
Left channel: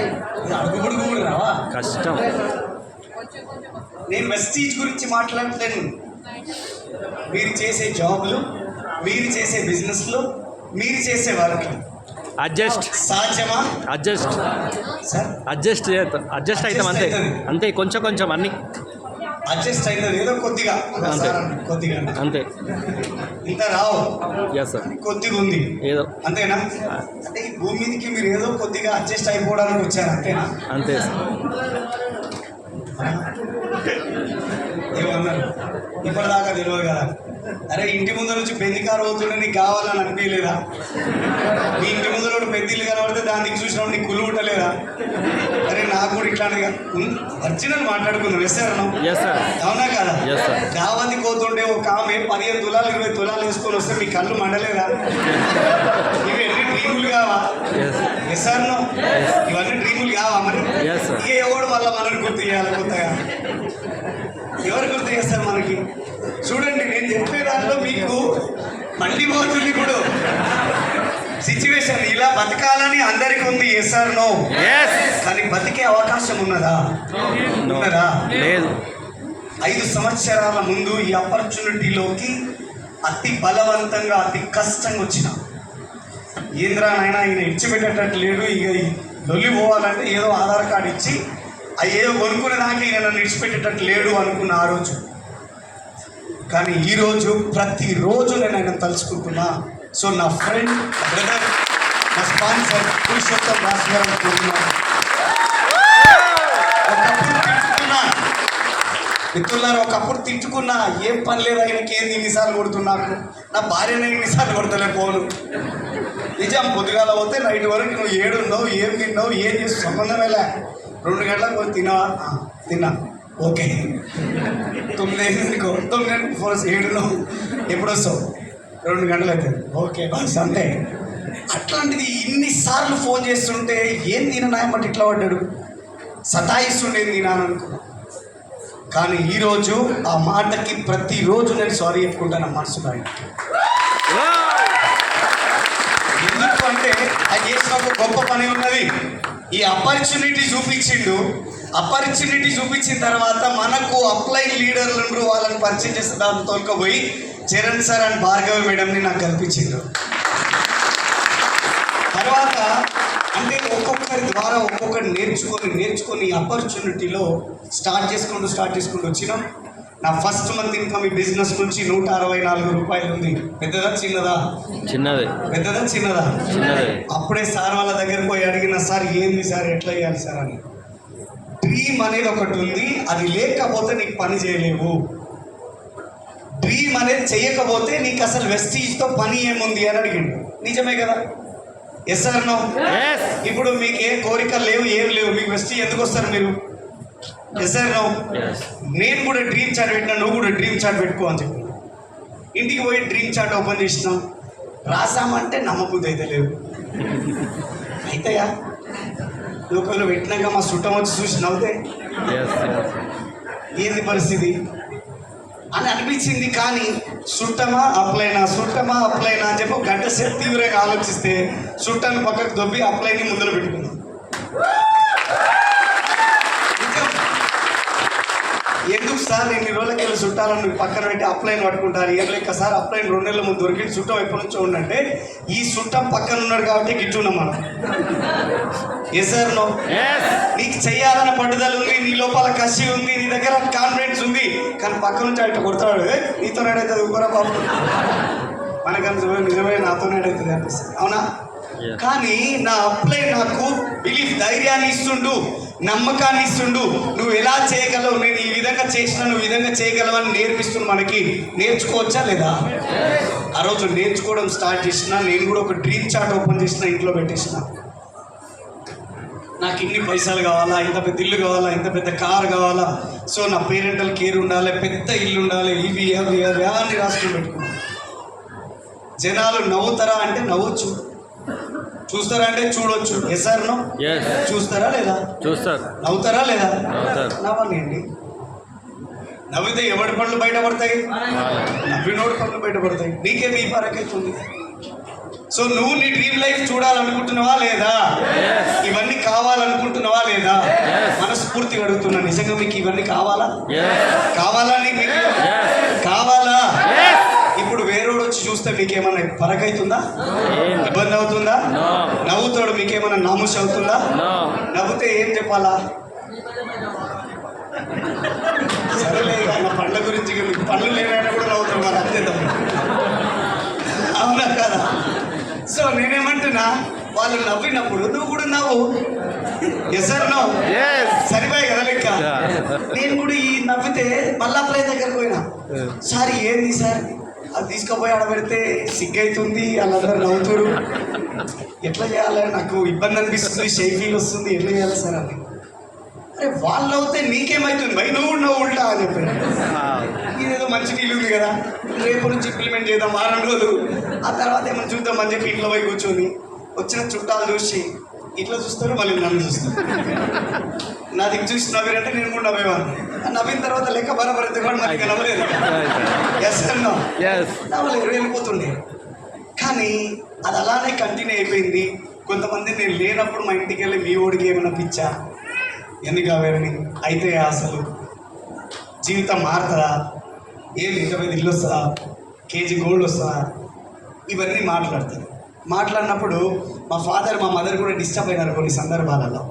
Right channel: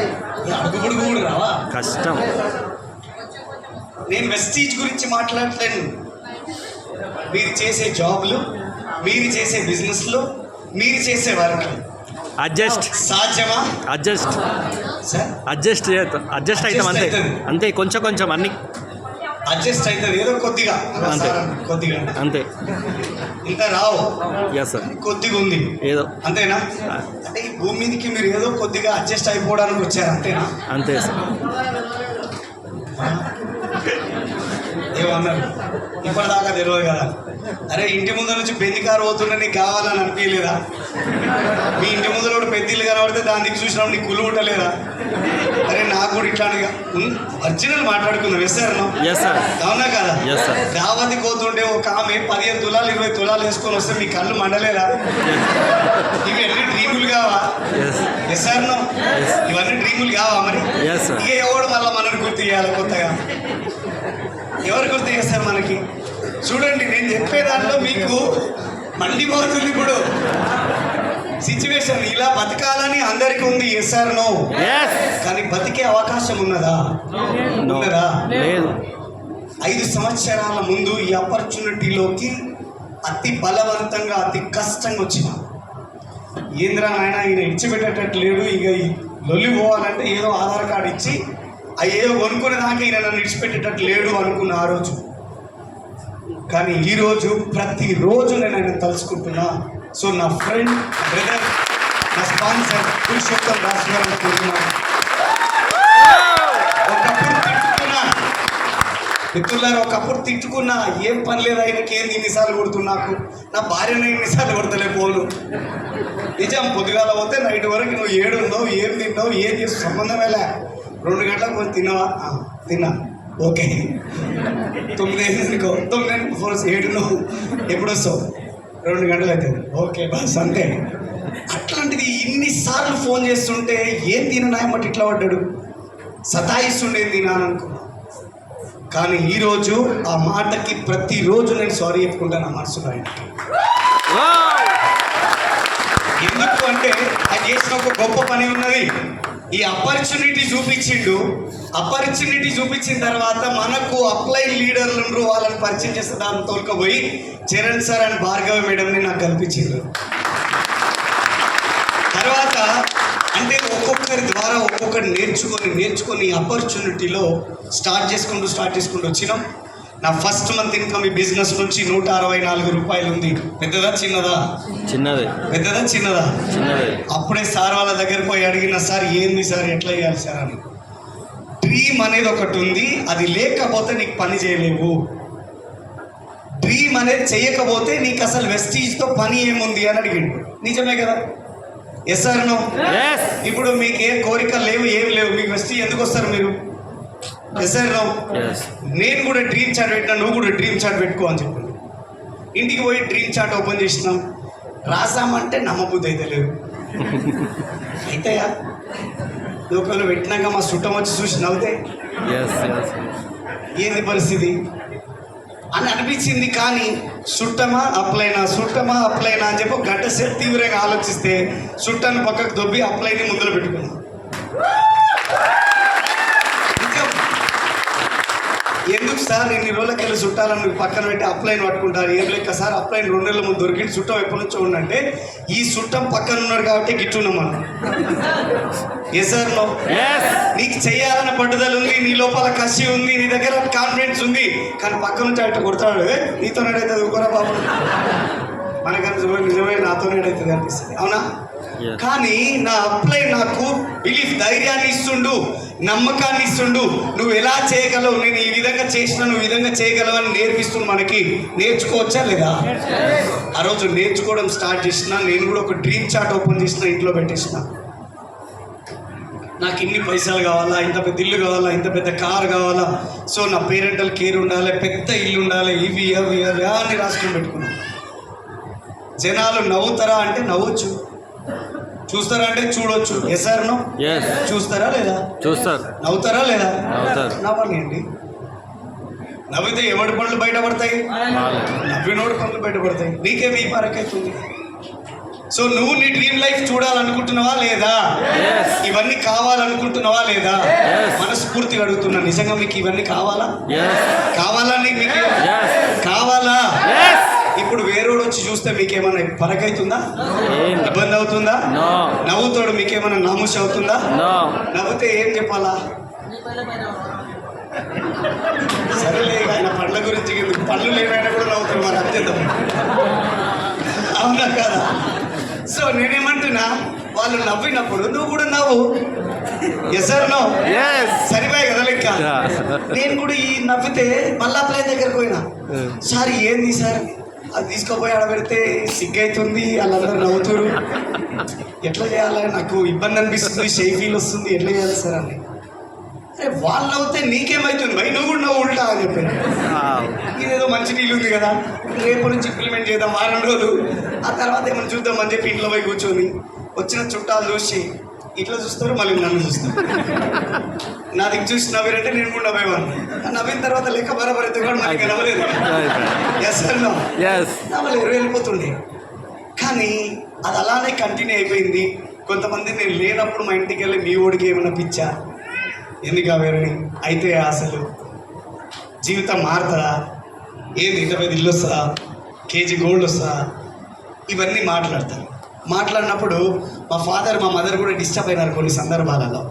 అడుగుబడుగు కూడా రావా? కష్టం. నేను వెస్టీజ్ గురించి మాట్లాడలేను. మీరు చేసే జాబ్లు, మీరు చేసే బిజినెస్లు, మీరు చేసే వర్క్ అడ్జస్ట్ సాధ్యమా? అడ్జస్ట్ సార్ అడ్జస్ట్ అడ్జస్ట్ అవుతాం అంతే. అంతే, కొంచెం కొంచెం అన్ని అడ్జస్ట్ అవుతుంది ఏదో కొద్దిగా. అంతే. కొద్దిగా అంతే. ఇంకా రావు. Yes sir. కొద్దిగా ఉంది ఏదో. అంతేనా? అంటే ఈ భూమి మీదకి మీరు ఏదో కొద్దిగా అడ్జస్ట్ అయిపోవడానికి వచ్చారు అంతేనా? అంతే సార్. ఏమన్నారు? ఇప్పటిదాకా తెలియదు కదా. అరే ఇంటి ముందు నుంచి పెళ్లి కారు పోతుంటే నీకు కావాలని అనిపించలేదా? మీ ఇంటి ముందు కూడా పెద్దలు కనబడితే దాని దిక్కు చూసినప్పుడు నీకు కుళ్ళు ఉండలేదా? అరే నాకు కూడా ఇట్లాంటిగా ఒరిజినల్ మాట్లాడుకుందాం. వేస్తారన్నా? Yes sir. అవునా కదా? Yes sir. దావతి పోతుంటే ఒక ఆమె 15 తులాలు 20 తులాలు వేసుకొని వస్తే మీ కళ్ళు మండలేదా? ఇవి అన్ని డ్రీములు కావా? ఎస్. Yes sir no? ఇవన్నీ డ్రీములు కావా మరి? Yes sir. ఇక ఎవడు మళ్ళీ మనని గుర్తు చేయాలి కొత్తగా? ఎవరు గుర్తు చేస్తారు మనకి? చూడండి, నేను చెప్పే దాంట్లో మీకు మళ్ళీ పోతుంది ఇప్పుడు సిచ్యువేషన్. ఇలా బతకాలని అందరికీ ఉంది. Yes or no? ఎస్. కానీ బతికే అవకాశం ఉన్నదా? ఉన్నదా? లేదు. 5 సంవత్సరాల ముందు ఈ ఆపర్చునిటీలోకి అతి బలవంతంగా అతి కష్టంగా వచ్చిన ఏంద్రా నాయన ఈయన ఇచ్చిపెట్టేటట్టు లేడు, ఇక లొల్లి పోవాలంటే ఏదో ఆధార్ కార్డు ఇచ్చి ఏదో కొనుక్కునే దాకా ఈయన నన్ను ఇచ్చిపెట్టేటట్టు లేడు అనుకున్న ఆ రోజు. కానీ ఈరోజు ప్రతిరోజు నేను ఆయన తలుచుకుంటున్నా. సో నా ఫ్రెండ్, బ్రదర్, నా స్పాన్సర్ పురుషోత్తం దాస్ గారు అనుకుంటున్నాను. ఒకప్పుడు తిట్టుకున్నా మిత్రులారా, ఒకప్పుడు తిట్టుకున్నా, ఏం పని లేదు ఆయనకి, ఏంది ఇన్నిసార్లు కొడుతున్నాకు, నా భార్యనే ఇన్నిసార్లు కొడతలే పోను. నిజం, పొద్దుగాల పోతే నైట్ వరకు నువ్వు ఏడున్నావు, ఏం తిన్నావు, ఏం చేసి సంబంధమే లే. 2 గంటలకు పోయి తిన్నావా? తిన్నా. ఓకే. 9 అనుకో, 9 ఫోన్ 7 ఎప్పుడు వస్తావు? 2 గంటలు అవుతుంది. ఓకే బస్ అంతే. అట్లాంటిది ఇన్నిసార్లు ఫోన్ చేస్తుంటే ఏం తిననాయమ్మటి ఇట్లా పడ్డాడు, సతాయిస్తుండేది తినాను అనుకున్నా. కానీ ఈరోజు ఆ మాటకి ప్రతిరోజు నేను సారీ చెప్పుకుంటాను ఆ మనసులో ఆయనకి. ఎందుకు అంటే ఆయన చేసిన ఒక గొప్ప పని ఉన్నది. ఈ ఆపర్చునిటీ చూపించిండు. ఆపర్చునిటీ చూపించిన తర్వాత మనకు అప్లైన్ లీడర్లు వాళ్ళని పరిచయం చేస్తే దాన్ని తోలుకపోయి చరణ్ సార్ అండ్ భార్గవి మేడంని నాకు కల్పించిండు. తర్వాత అంటే ఒక్కొక్కరి ద్వారా ఒక్కొక్కటి నేర్చుకొని ఆపర్చునిటీలో స్టార్ట్ చేసుకుంటూ వచ్చినాం. నా ఫస్ట్ మంత్ ఇన్కమ్ ఈ బిజినెస్ నుంచి 164 రూపాయలు ఉంది. పెద్దదా చిన్నదా? చిన్నదే. పెద్దదా చిన్నదా? చిన్నదే. అప్పుడే సార్ వాళ్ళ దగ్గర పోయి అడిగిన, సార్ ఏంది సార్, ఎట్లా చేయాలి సార్ అని. డ్రీమ్ అనేది ఒకటి ఉంది, అది లేకపోతే నీకు పని చేయలేవు. డ్రీమ్ అనేది చేయకపోతే నీకు అసలు వెస్టీజ్తో పని ఏముంది అని అడిగిండు. నిజమే కదా? Yes sir no? ఇప్పుడు మీకు ఏం కోరికలు లేవు, ఏం లేవు, మీకు వెస్టీజ్ ఎందుకు వస్తారు మీరు? Yes sir no? నేను కూడా డ్రీమ్ చార్ట్ పెట్టినా, నువ్వు కూడా డ్రీమ్ చార్ట్ పెట్టుకో అని చెప్పి ఇంటికి పోయి డ్రీమ్ చార్ట్ ఓపెన్ చేసినాం. రాసామంటే నమ్మబుద్ధి అయితే లేవు. అయితేయా లోకల్ పెట్టినాక మా చుట్టం వచ్చి చూసి నవ్వుతే ఏంది పరిస్థితి అని అనిపించింది. కానీ చుట్టమా అప్లైనా అని చెప్పి గంట సేపు తీవ్రంగా ఆలోచిస్తే చుట్టాన్ని పక్కకు దొబ్బి అప్లైని ముందులో పెట్టుకున్నాం. ఎందుకు సార్ ఇన్ని రోజులకి వెళ్ళి చుట్టాలను పక్కన పెట్టి అప్లైన్ పట్టుకుంటారు? ఏం లేక సార్ అప్లైన్ 2 నెలల ముందు దొరికింది, చుట్టం ఎప్పటి నుంచో ఉండంటే ఈ చుట్టం పక్కన ఉన్నాడు కాబట్టి గిట్టున్నాం మనం. ఏ సార్ నో? నీకు చెయ్యాలన్న పట్టుదల ఉంది, నీ లోపల కసి ఉంది, నీ దగ్గర కాన్ఫిడెన్స్ ఉంది. కానీ పక్క నుంచి అట్లా కొడతాడు, నీతో నేడైతే ఊరుకోరా బాబు, మనకన్నా నిజమే నాతో నేడైతుంది అనిపిస్తుంది. అవునా? కానీ నా అప్లై నాకు బిలీఫ్, ధైర్యాన్ని ఇస్తుండు, నమ్మకాన్ని ఇస్తుండు. నువ్వు ఎలా చేయగలవు, నేను ఈ విధంగా చేసిన నువ్వు ఈ విధంగా చేయగలవని నేర్పిస్తుంది. మనకి నేర్చుకోవచ్చా లేదా? ఆ రోజు నేర్చుకోవడం స్టార్ట్ చేసిన. నేను కూడా ఒక డ్రీమ్ చార్ట్ ఓపెన్ చేసిన, ఇంట్లో పెట్టేసిన. నాకు ఇన్ని పైసలు కావాలా, ఇంత పెద్ద ఇల్లు కావాలా, ఇంత పెద్ద కార్ కావాలా, సో నా పేరెంటల్ కేర్ ఉండాలి, పెద్ద ఇల్లు ఉండాలి, ఇవి అవి అవి అని రాసుకొని పెట్టుకున్నాను. జనాలు నవ్వుతారా అంటే నవ్వచ్చు, చూస్తారా అంటే చూడొచ్చు. Yes or no? ఎస్. చూస్తారా లేదా? చూస్తారు. నవ్వుతారా లేదా? నవ్వుతారు. నవ్వాలండి. నవ్వితే ఎవడి పనులు బయటపడతాయి? నవ్వినోడి పనులు బయటపడతాయి. నీకేమి ఈ పరకైతుంది? సో నువ్వు నీ డ్రీమ్ లైఫ్ చూడాలనుకుంటున్నావా లేదా? ఇవన్నీ కావాలనుకుంటున్నావా లేదా? మనస్ఫూర్తిగా అడుగుతున్నా, నిజంగా మీకు ఇవన్నీ కావాలా? కావాలా? మీకు కావాలా? ఇప్పుడు వేరేవాడు వచ్చి చూస్తే మీకేమైనా పరకైతుందా? ఇబ్బంది అవుతుందా? నవ్వుతాడు, మీకేమైనా నాముష అవుతుందా? నవ్వుతే ఏం చెప్పాలా? సరేలే, ఆయన పండ్ల గురించి పళ్ళు లేవైనా కూడా నవ్వుతాడు, మరి అత్యంతం. అవునా కదా? సో నేనేమంటున్నా, వాళ్ళు నవ్వినప్పుడు నువ్వు కూడా నవ్వు. Yes or no? సరిపోయి కదా లెక్క. నేను కూడా ఈ నవ్వితే మల్లాప్రాయ్ దగ్గరకు పోయినా, సార్ ఏంది సార్ అది తీసుకోపోయి ఆడ పెడితే సిగ్గైతుంది, వాళ్ళందరూ నవ్వుతారు, ఎట్లా చేయాలి, నాకు ఇబ్బంది అనిపిస్తుంది, షేక్ ఫీల్ వస్తుంది, ఎట్లా చేయాలి సార్ అని. అరే వాళ్ళు అవుతే నీకేమవుతుంది భయ్, నువ్వు కూడా నవ్వు ఉంటా అని చెప్పాను. ఇదేదో మంచి నీళ్ళు ఉంది కదా, రేపు నుంచి ఇంప్లిమెంట్ చేద్దాం, వారం రోజులు, ఆ తర్వాత ఏమైనా చూద్దాం అని చెప్పి ఇంట్లో పోయి కూర్చొని వచ్చిన చుట్టాలు చూసి ఇట్లా చూస్తారు, మళ్ళీ నన్ను చూస్తారు. నా దిక్కు చూసి నవ్వారంటే నేను కూడా నవ్వేవాడిని. నవ్విన తర్వాత లెక్క బరాబర్ అయితే కూడా మనకి నవ్వలేదు. ఎస్ అన్నా, నవ్వలేదు, వెళ్ళిపోతుండే. కానీ అది అలానే కంటిన్యూ అయిపోయింది. కొంతమంది నేను లేనప్పుడు మా ఇంటికి వెళ్ళి మీ ఓడికి ఏమైనా పిచ్చా, ఎందుకు అవేరని అయితే అసలు జీవితం మారుతుందా, ఏది ఇంటర్వ్యూ ఇల్లు వస్తుందా, కేజీ గోల్డ్ వస్తుందా, ఇవన్నీ మాట్లాడతారు. మాట్లాడినప్పుడు మా ఫాదర్ మా మదర్ కూడా డిస్టర్బ్ అయినారు కొన్ని సందర్భాలలో.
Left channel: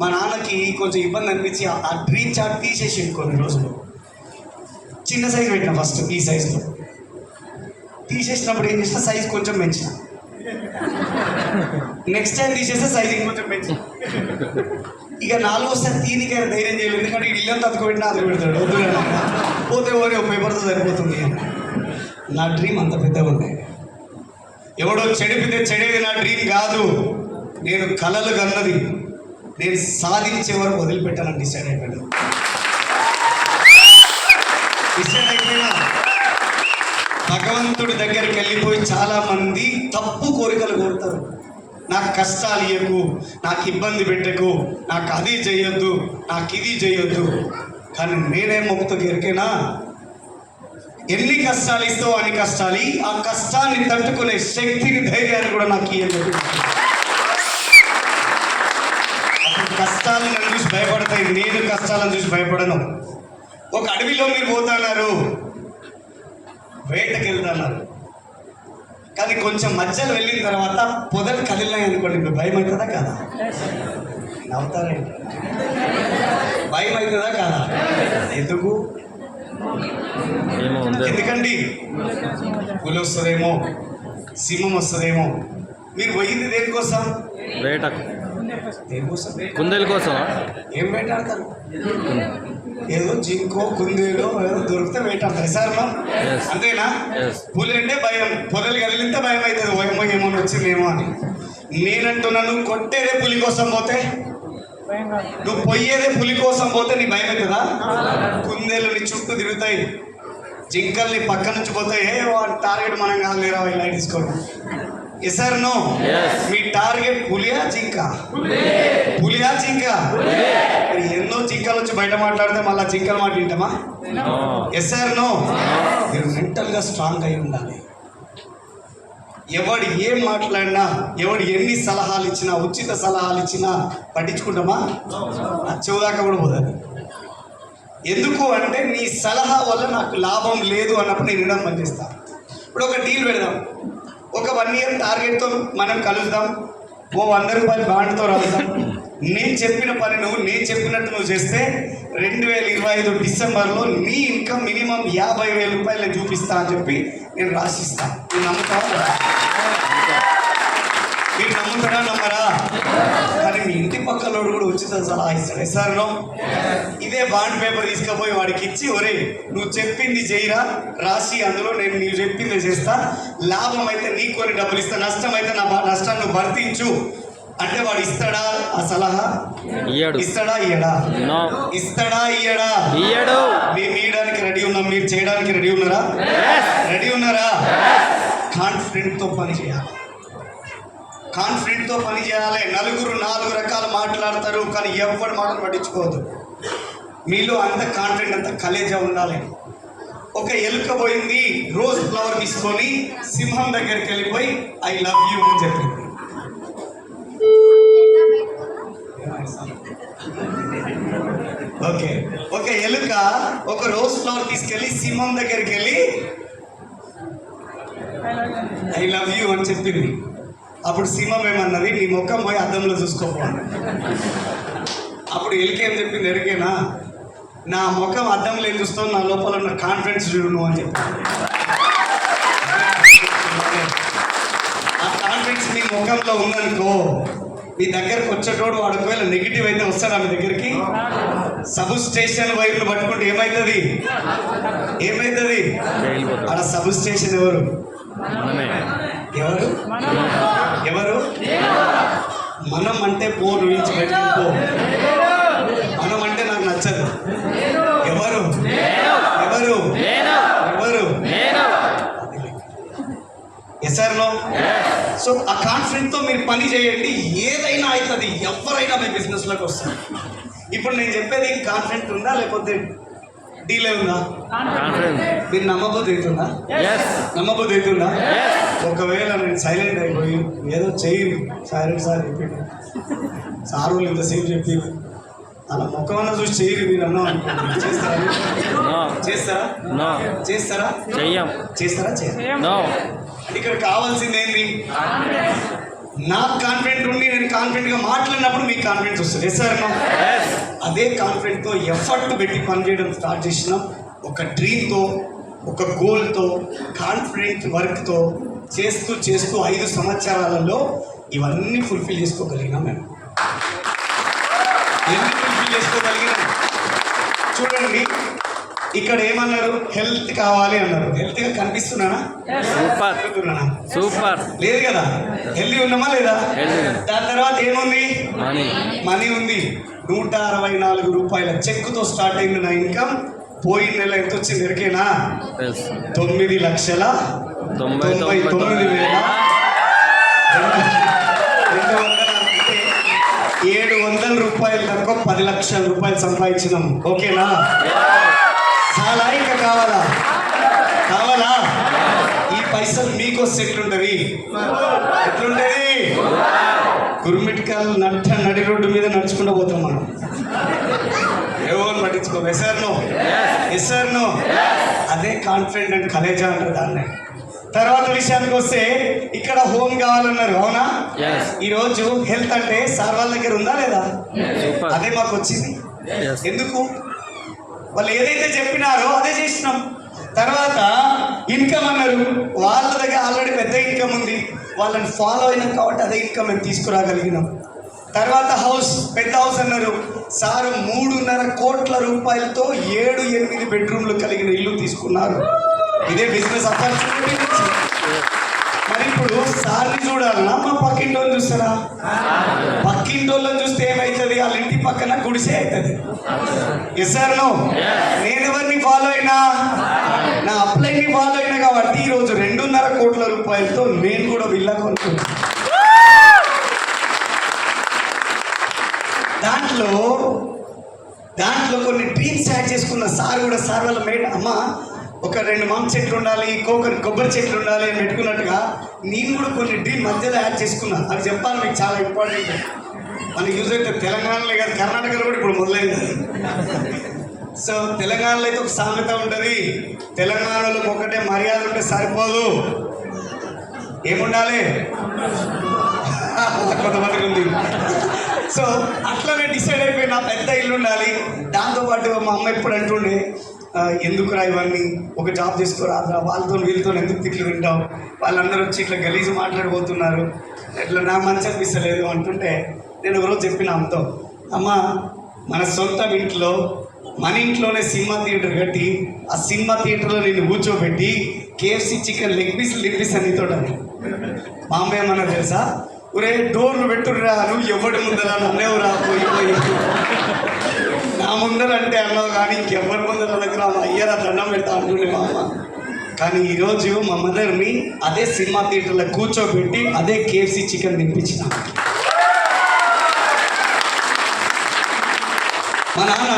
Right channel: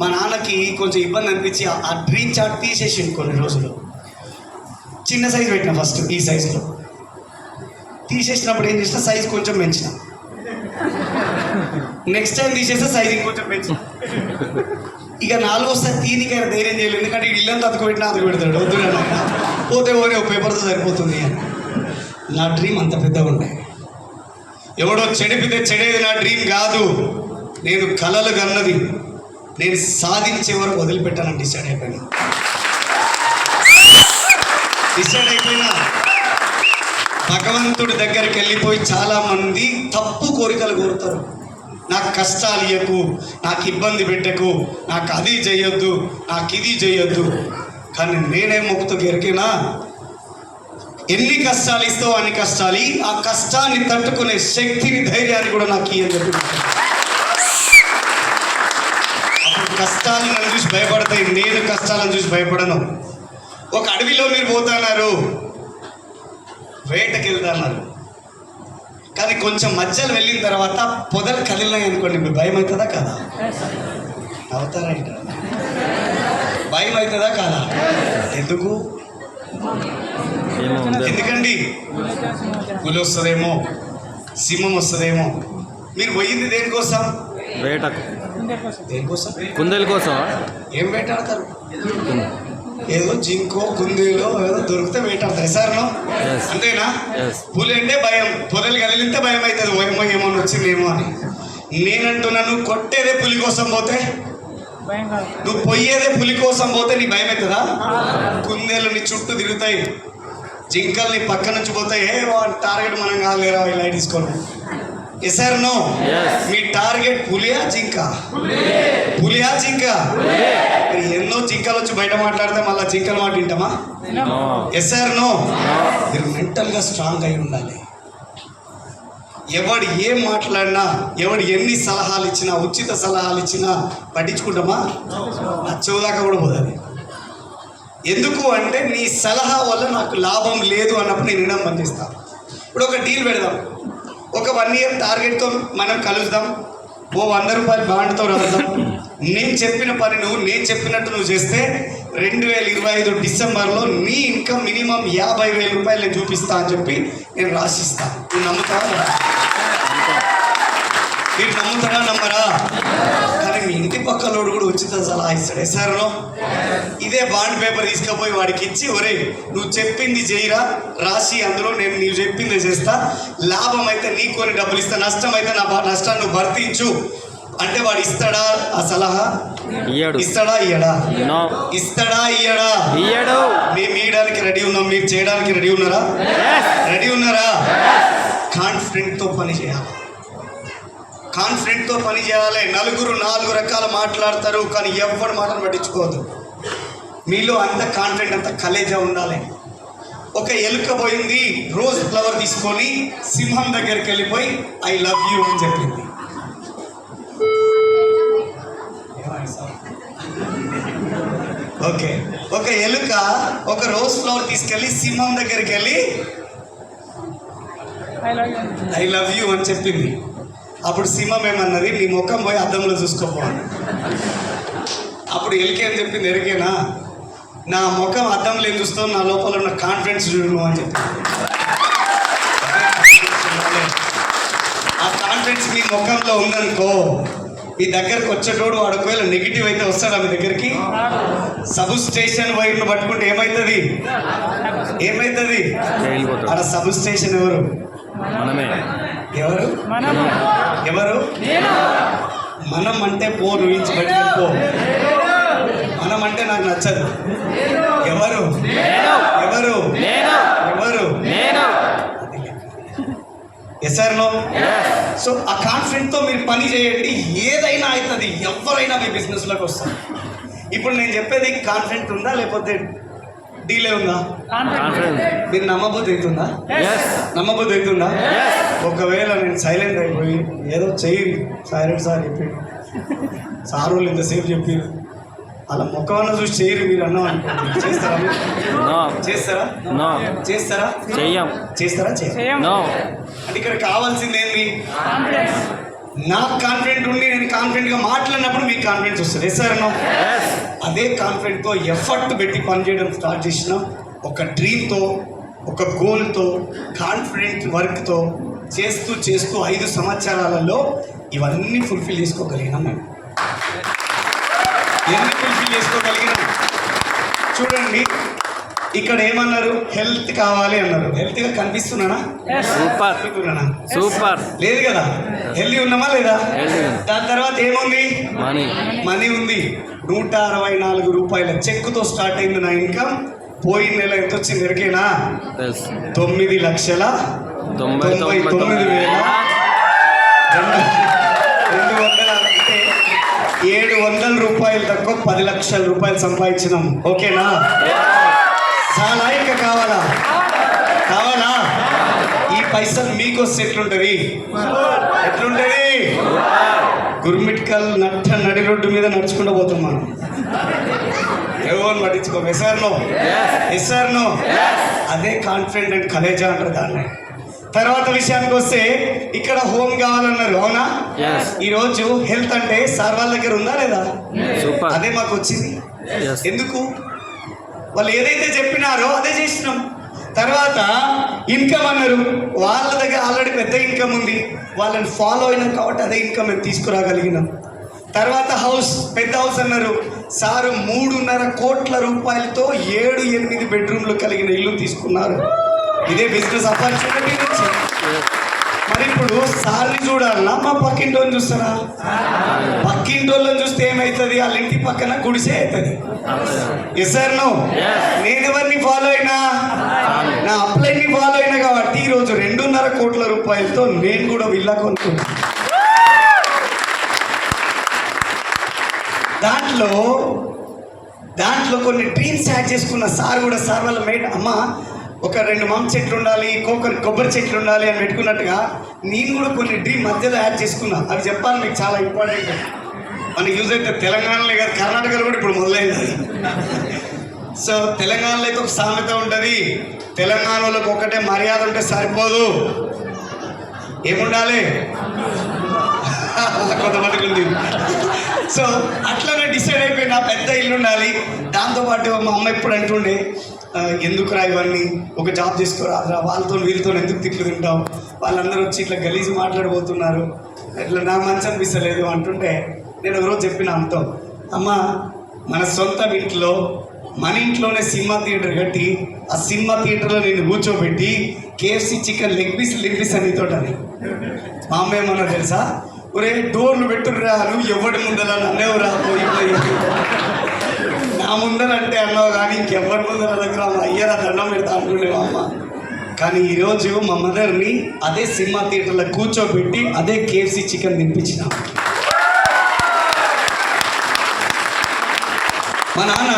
మా నాన్నకి కొంచెం ఇబ్బంది అనిపించి ఆ డ్రీమ్ చార్ట్ తీసేసింది కొన్ని రోజులు. చిన్న సైజు పెట్టిన ఫస్ట్, ఈ సైజులో తీసేసినప్పుడు ఏం చేసిన, సైజ్ కొంచెం పెంచిన. నెక్స్ట్ టైం తీసేస్తే సైజ్ ఇంకొంచెం పెంచిన. ఇక 4వసారి తీనికైనా ధైర్యం చేయలేదు, ఎందుకంటే ఇల్లంతా అతుకుపెట్టినా అది పెడతాడు, వద్దు పోతే ఓరే పేపర్తో సరిపోతుంది అని. నా డ్రీమ్ అంత పెద్దగా ఉండే. ఎవడో చెడిపితే చెడేది నా డ్రీమ్ కాదు, నేను కలలు కన్నది, నేను సాధించే వరకు వదిలిపెట్టాలని డిసైడ్ అయిపోయినా. భగవంతుడి దగ్గరికి వెళ్ళిపోయి చాలామంది తప్పు కోరికలు కోరుతారు. నాకు కష్టాలు ఇవ్వకు, నాకు ఇబ్బంది పెట్టకు, నాకు అది చేయొద్దు, నాకు ఇది చేయొద్దు. కానీ నేనేం మొక్కుతూ ఎరికేనా, ఎన్ని కష్టాలు ఇస్తావు అన్ని కష్టాలు, ఆ కష్టాన్ని తట్టుకునే శక్తిని, ధైర్యాన్ని కూడా నాకు ఇయ్యని చెప్పి. అప్పుడు కష్టాలను నన్ను చూసి భయపడతాయి, నేను కష్టాలను చూసి భయపడను. ఒక అడవిలో మీరు పోతున్నారు, వేటకి వెళ్తున్నారు, కానీ కొంచెం మధ్యలో వెళ్ళిన తర్వాత పొదలు కదిలినాయి అనుకోండి, మీకు భయం అవుతుందా కదా? నవ్వుతారంట. భయం అవుతుందా కదా? ఎందుకు? ఎందుకండి? పులి వస్తుందేమో, సింహం వస్తుందేమో. మీరు పోయింది దేనికోసం? వేటకు. దేనికోసం? కుందేలు కోసం. ఏం వేటాడతారు? ఏదో జింకో కుందేలో ఏదో దొరికితే వేటాడతారు సార్. అంతేనా? పులి అంటే భయం, పొదలు కదిలితే భయం అవుతుంది, ఏమో వచ్చిందేమో అని. నేనంటున్నా, నువ్వు కొట్టేదే పులి కోసం పోతే, నువ్వు పొయ్యేదే పులి కోసం పోతే నీ భయం అవుతుందా? కుందేలు నీ చుట్టూ తిరుగుతాయి, జింకలు నీ పక్క నుంచి పోతాయి. టార్గెట్ మనం కాలేరా ఇలా తీసుకోను. Yes or no? మీ టార్గెట్ పులియా జింక? పులియా జింక? ఎన్నో జింకలు వచ్చి బయట మాట్లాడితే మళ్ళీ జింకల మాట వింటామా? Yes or no? మీరు మెంటల్గా స్ట్రాంగ్ అయి ఉండాలి. ఎవడు ఏం మాట్లాడినా, ఎవడు ఎన్ని సలహాలు ఇచ్చినా, ఉచిత సలహాలు ఇచ్చినా పట్టించుకుంటామా? నచ్చవుదాకా కూడా పోతుంది. ఎందుకు అంటే నీ సలహా వల్ల నాకు లాభం లేదు అన్నప్పుడు నేను వినడం పనిచేస్తాను. ఇప్పుడు ఒక డీల్ పెడదాం, ఒక 1 year టార్గెట్తో మనం కలుద్దాం, ఓ 100 రూపాయలు బాండ్తో రాద్దాం. నేను చెప్పిన పని నేను చెప్పినట్టు నువ్వు చేస్తే 2025 డిసెంబర్లో నీ ఇన్కమ్ మినిమం 50,000 రూపాయలు నేను చూపిస్తా అని చెప్పి నేను రాసిస్తాను. నేను నమ్ముతారా? మీరు నమ్ముతారా నమ్మరా? కానీ మీ ఇంటి పక్కలోడు కూడా ఉచిత సలహా ఇస్తాడు. ఎస్ఆర్లో ఇదే బాండ్ పేపర్ తీసుకుపోయి వాడికి ఇచ్చి, ఒరే నువ్వు చెప్పింది చేయరా, రాసి అందులో నేను నీవు చెప్పింది చేస్తా, లాభం అయితే నీకు కొన్ని డబ్బులు ఇస్తా, నష్టం అయితే నా నష్టాన్ని నువ్వు భర్తించు అంటే వాడు ఇస్తాడా ఆ సలహా? ఇస్తాడా ఇయ్యడా? ఇస్తాడా ఇయ్యడా? మేము ఇయ్యడానికి రెడీ ఉన్నాం, మీరు చేయడానికి రెడీ ఉన్నారా? రెడీ ఉన్నారా? కాన్ఫిడెంట్తో పని చేయాలి. కాన్ఫిడెంట్తో పని చేయాలి. నలుగురు 4 రకాలు మాట్లాడతారు, కానీ ఎవరి మాటను పట్టించుకోవద్దు. మీలో అంత కాన్ఫిడెంట్, అంత కలేజా ఉండాలి. ఒక ఎలుక పోయింది, రోజ్ ఫ్లవర్ తీసుకొని సింహం దగ్గరికి వెళ్ళిపోయి ఐ లవ్ యూ అని చెప్పింది. ఓకే, ఒక ఎలుక ఒక రోజ్ ఫ్లవర్ తీసుకెళ్ళి సింహం దగ్గరికి వెళ్ళి ఐ లవ్ యూ అని చెప్పింది. అప్పుడు సింహం ఏమన్నది, నీ ముఖం పోయి అద్దంలో చూసుకోపో. అప్పుడు ఎలుక ఏం చెప్పింది ఎరికేనా, నా ముఖం అద్దంలో ఏం చూస్తావు, నా లోపల ఉన్న కాన్ఫిడెన్స్ చూడు అని చెప్పింది. ఆ కాన్ఫిడెన్స్ మీ ముఖంలో ఉందనుకో, మీ దగ్గరకు వచ్చేటోడు వాడు ఒకవేళ నెగిటివ్ అయితే వస్తాడా మీ దగ్గరికి? సబ్ స్టేషన్ వైర్ను పట్టుకుంటే ఏమవుతుంది? ఆడ సబ్ స్టేషన్ ఎవరు? ఎవరు? మనం అంటే పో, నుంచి బయటకు పో. మనం అంటే నాకు నచ్చదు. ఎవరు? Yes sir no? సో ఆ కాన్ఫిడెంట్తో మీరు పని చేయండి, ఏదైనా అవుతుంది. ఎవరైనా మీ బిజినెస్లోకి వస్తారు. ఇప్పుడు నేను చెప్పేది కాన్ఫిడెంట్ ఉందా లేకపోతే డీలే ఉందా? మీరు నమ్మబుద్ధి అవుతుందా? ఒకవేళ నేను సైలెంట్ అయిపోయి ఏదో చెయ్యి సైలెంట్ సార్ చెప్పాడు, సార్ వాళ్ళు ఇంతసేపు చెప్పారు, అలా ముఖమన్నా చూసి చేయరు మీరు అన్నాం అనుకోండి, చేస్తారా? అంటే ఇక్కడ కావాల్సింది ఏంటి? నాకు కాన్ఫిడెంట్ ఉండి నేను కాన్ఫిడెంట్గా మాట్లాడినప్పుడు మీకు కాన్ఫిడెన్స్ వస్తుంది. Yes sir no? అదే కాన్ఫిడెంట్తో ఎఫర్ట్ పెట్టి పనిచేయడం స్టార్ట్ చేసిన, ఒక డ్రీమ్తో, ఒక గోల్తో, కాన్ఫిడెంట్ వర్క్తో చేస్తూ 5 సంవత్సరాలలో ఇవన్నీ ఫుల్ఫిల్ చేసుకోగలిగినాం. మేము ఎన్ని ఫుల్ఫిల్ చేసుకోగలిగినాం చూడండి. ఇక్కడ ఏమన్నారు? హెల్త్ కావాలి అన్నారు. హెల్త్గా కనిపిస్తున్నానా? సూపర్. లేదు కదా, హెల్తీ ఉన్నామా లేదా? దాని తర్వాత ఏముంది? మనీ ఉంది. 164 రూపాయల చెక్కుతో స్టార్ట్ అయింది నా ఇన్కమ్. పోయిన నెల ఎంత వచ్చింది ఎరికేనా? 9,99,200 రూపాయలు తక్కువ 10 లక్షల రూపాయలు సంపాదించినాం. ఓకేనా? చాలా ఇంకా కావాలా? ఈ పైసలు మీకు వస్తే ఎట్లుంటది? గుర్మిట్కల్ నడి రోడ్డు మీద నడుచుకుంటూ పోతాం మనం. ఎవరు పట్టించుకో. Yes sir no? అదే కాన్ఫిడెంట్ అండ్ కలేజా అంటారు దాన్ని. తర్వాత విషయానికి వస్తే ఇక్కడ హోమ్ కావాలన్నారు, అవునా? ఈరోజు హెల్త్ అంటే సార్ వాళ్ళ దగ్గర ఉందా లేదా? అదే మాకు వచ్చింది. ఎందుకు? వాళ్ళు ఏదైతే చెప్పినారో అదే చేసినాం. తర్వాత ఇన్కమ్ అన్నారు, వాళ్ళ దగ్గర ఆల్రెడీ పెద్ద ఇన్కమ్ ఉంది, వాళ్ళని ఫాలో అయినాం కాబట్టి అదే ఇన్కమ్ మేము తీసుకురాగలిగినాం. తర్వాత హౌస్, పెద్ద హౌస్ అన్నారు, సారు 3.5 కోట్ల రూపాయలతో 7-8 బెడ్రూమ్లు కలిగిన ఇల్లు తీసుకున్నారు. ఇదే బిజినెస్ ఆపర్చునిటీ. మరి ఇప్పుడు సార్ని చూడాలన్నా మా పక్కింటోని చూస్తారా? పక్కింటోళ్ళని చూస్తే ఏమవుతుంది? వాళ్ళ ఇంటి పక్కన గుడిసే అవుతుంది. Yes sir no? నేను ఎవరిని ఫాలో అయినా? నా అప్లైని ఫాలో అయినా కాబట్టి ఈరోజు 2.5 కోట్ల రూపాయలతో నేను కూడా విల్లా కొనుక్కున్నాను. దాంట్లో కొన్ని డ్రీమ్స్ యాడ్ చేసుకున్న. సార్ కూడా సార్ వాళ్ళ మేడ అమ్మ ఒక 2 మామిడి చెట్లు ఉండాలి, కొబ్బరి చెట్లు ఉండాలి అని పెట్టుకున్నట్టుగా నేను కూడా కొన్ని డ్రీమ్ మధ్యలో యాడ్ చేసుకున్నా. అది చెప్పాలి మీకు, చాలా ఇంపార్టెంట్. మనకి యూజ్ అయితే తెలంగాణలో కాదు, కర్ణాటకలో కూడా ఇప్పుడు మొదలైంది. సో తెలంగాణలో అయితే ఒక సామెత ఉంటుంది, తెలంగాణలోకి ఒకటే మర్యాద ఉంటే సరిపోదు, ఏముండాలి? కొంతమందికి ఉంది. సో అట్లనే డిసైడ్ అయిపోయిన పెద్ద ఇల్లు ఉండాలి. దాంతోపాటు మా అమ్మ ఎప్పుడు అంటుండే, ఎందుకురా ఇవన్నీ, ఒక జాబ్ చేసుకోరాదురా, వాళ్ళతో వీళ్ళతో ఎందుకు తిట్లు తింటావు, వాళ్ళందరూ వచ్చి ఇట్లా గలీజు మాట్లాడిపోతున్నారు, ఇట్లా నా మంచి అనిపిస్తలేదు అంటుంటే నేను ఒకరోజు చెప్పిన అమ్మతో, అమ్మ మన సొంత ఇంట్లో, మన ఇంట్లోనే సినిమా థియేటర్ కట్టి ఆ సినిమా థియేటర్లో నేను కూర్చోబెట్టి KFC చికెన్ లెగ్ పీస్ అని తోటని. మా అమ్మ ఏమన్నా తెలుసా? ఒరే డోర్లు పెట్టుర్రా, నువ్వు ఎవరి ముందర నన్నేవురా పోయి నా ముందర అంటే అన్నావు కానీ ఇంకెవరి ముందర దగ్గర అయ్యారా దండం పెడతా అంటుండే మా అమ్మ. కానీ ఈరోజు మా మదర్ని అదే సినిమా థియేటర్లో కూర్చోబెట్టి అదే KFC చికెన్ తినిపించిన. మా నాన్న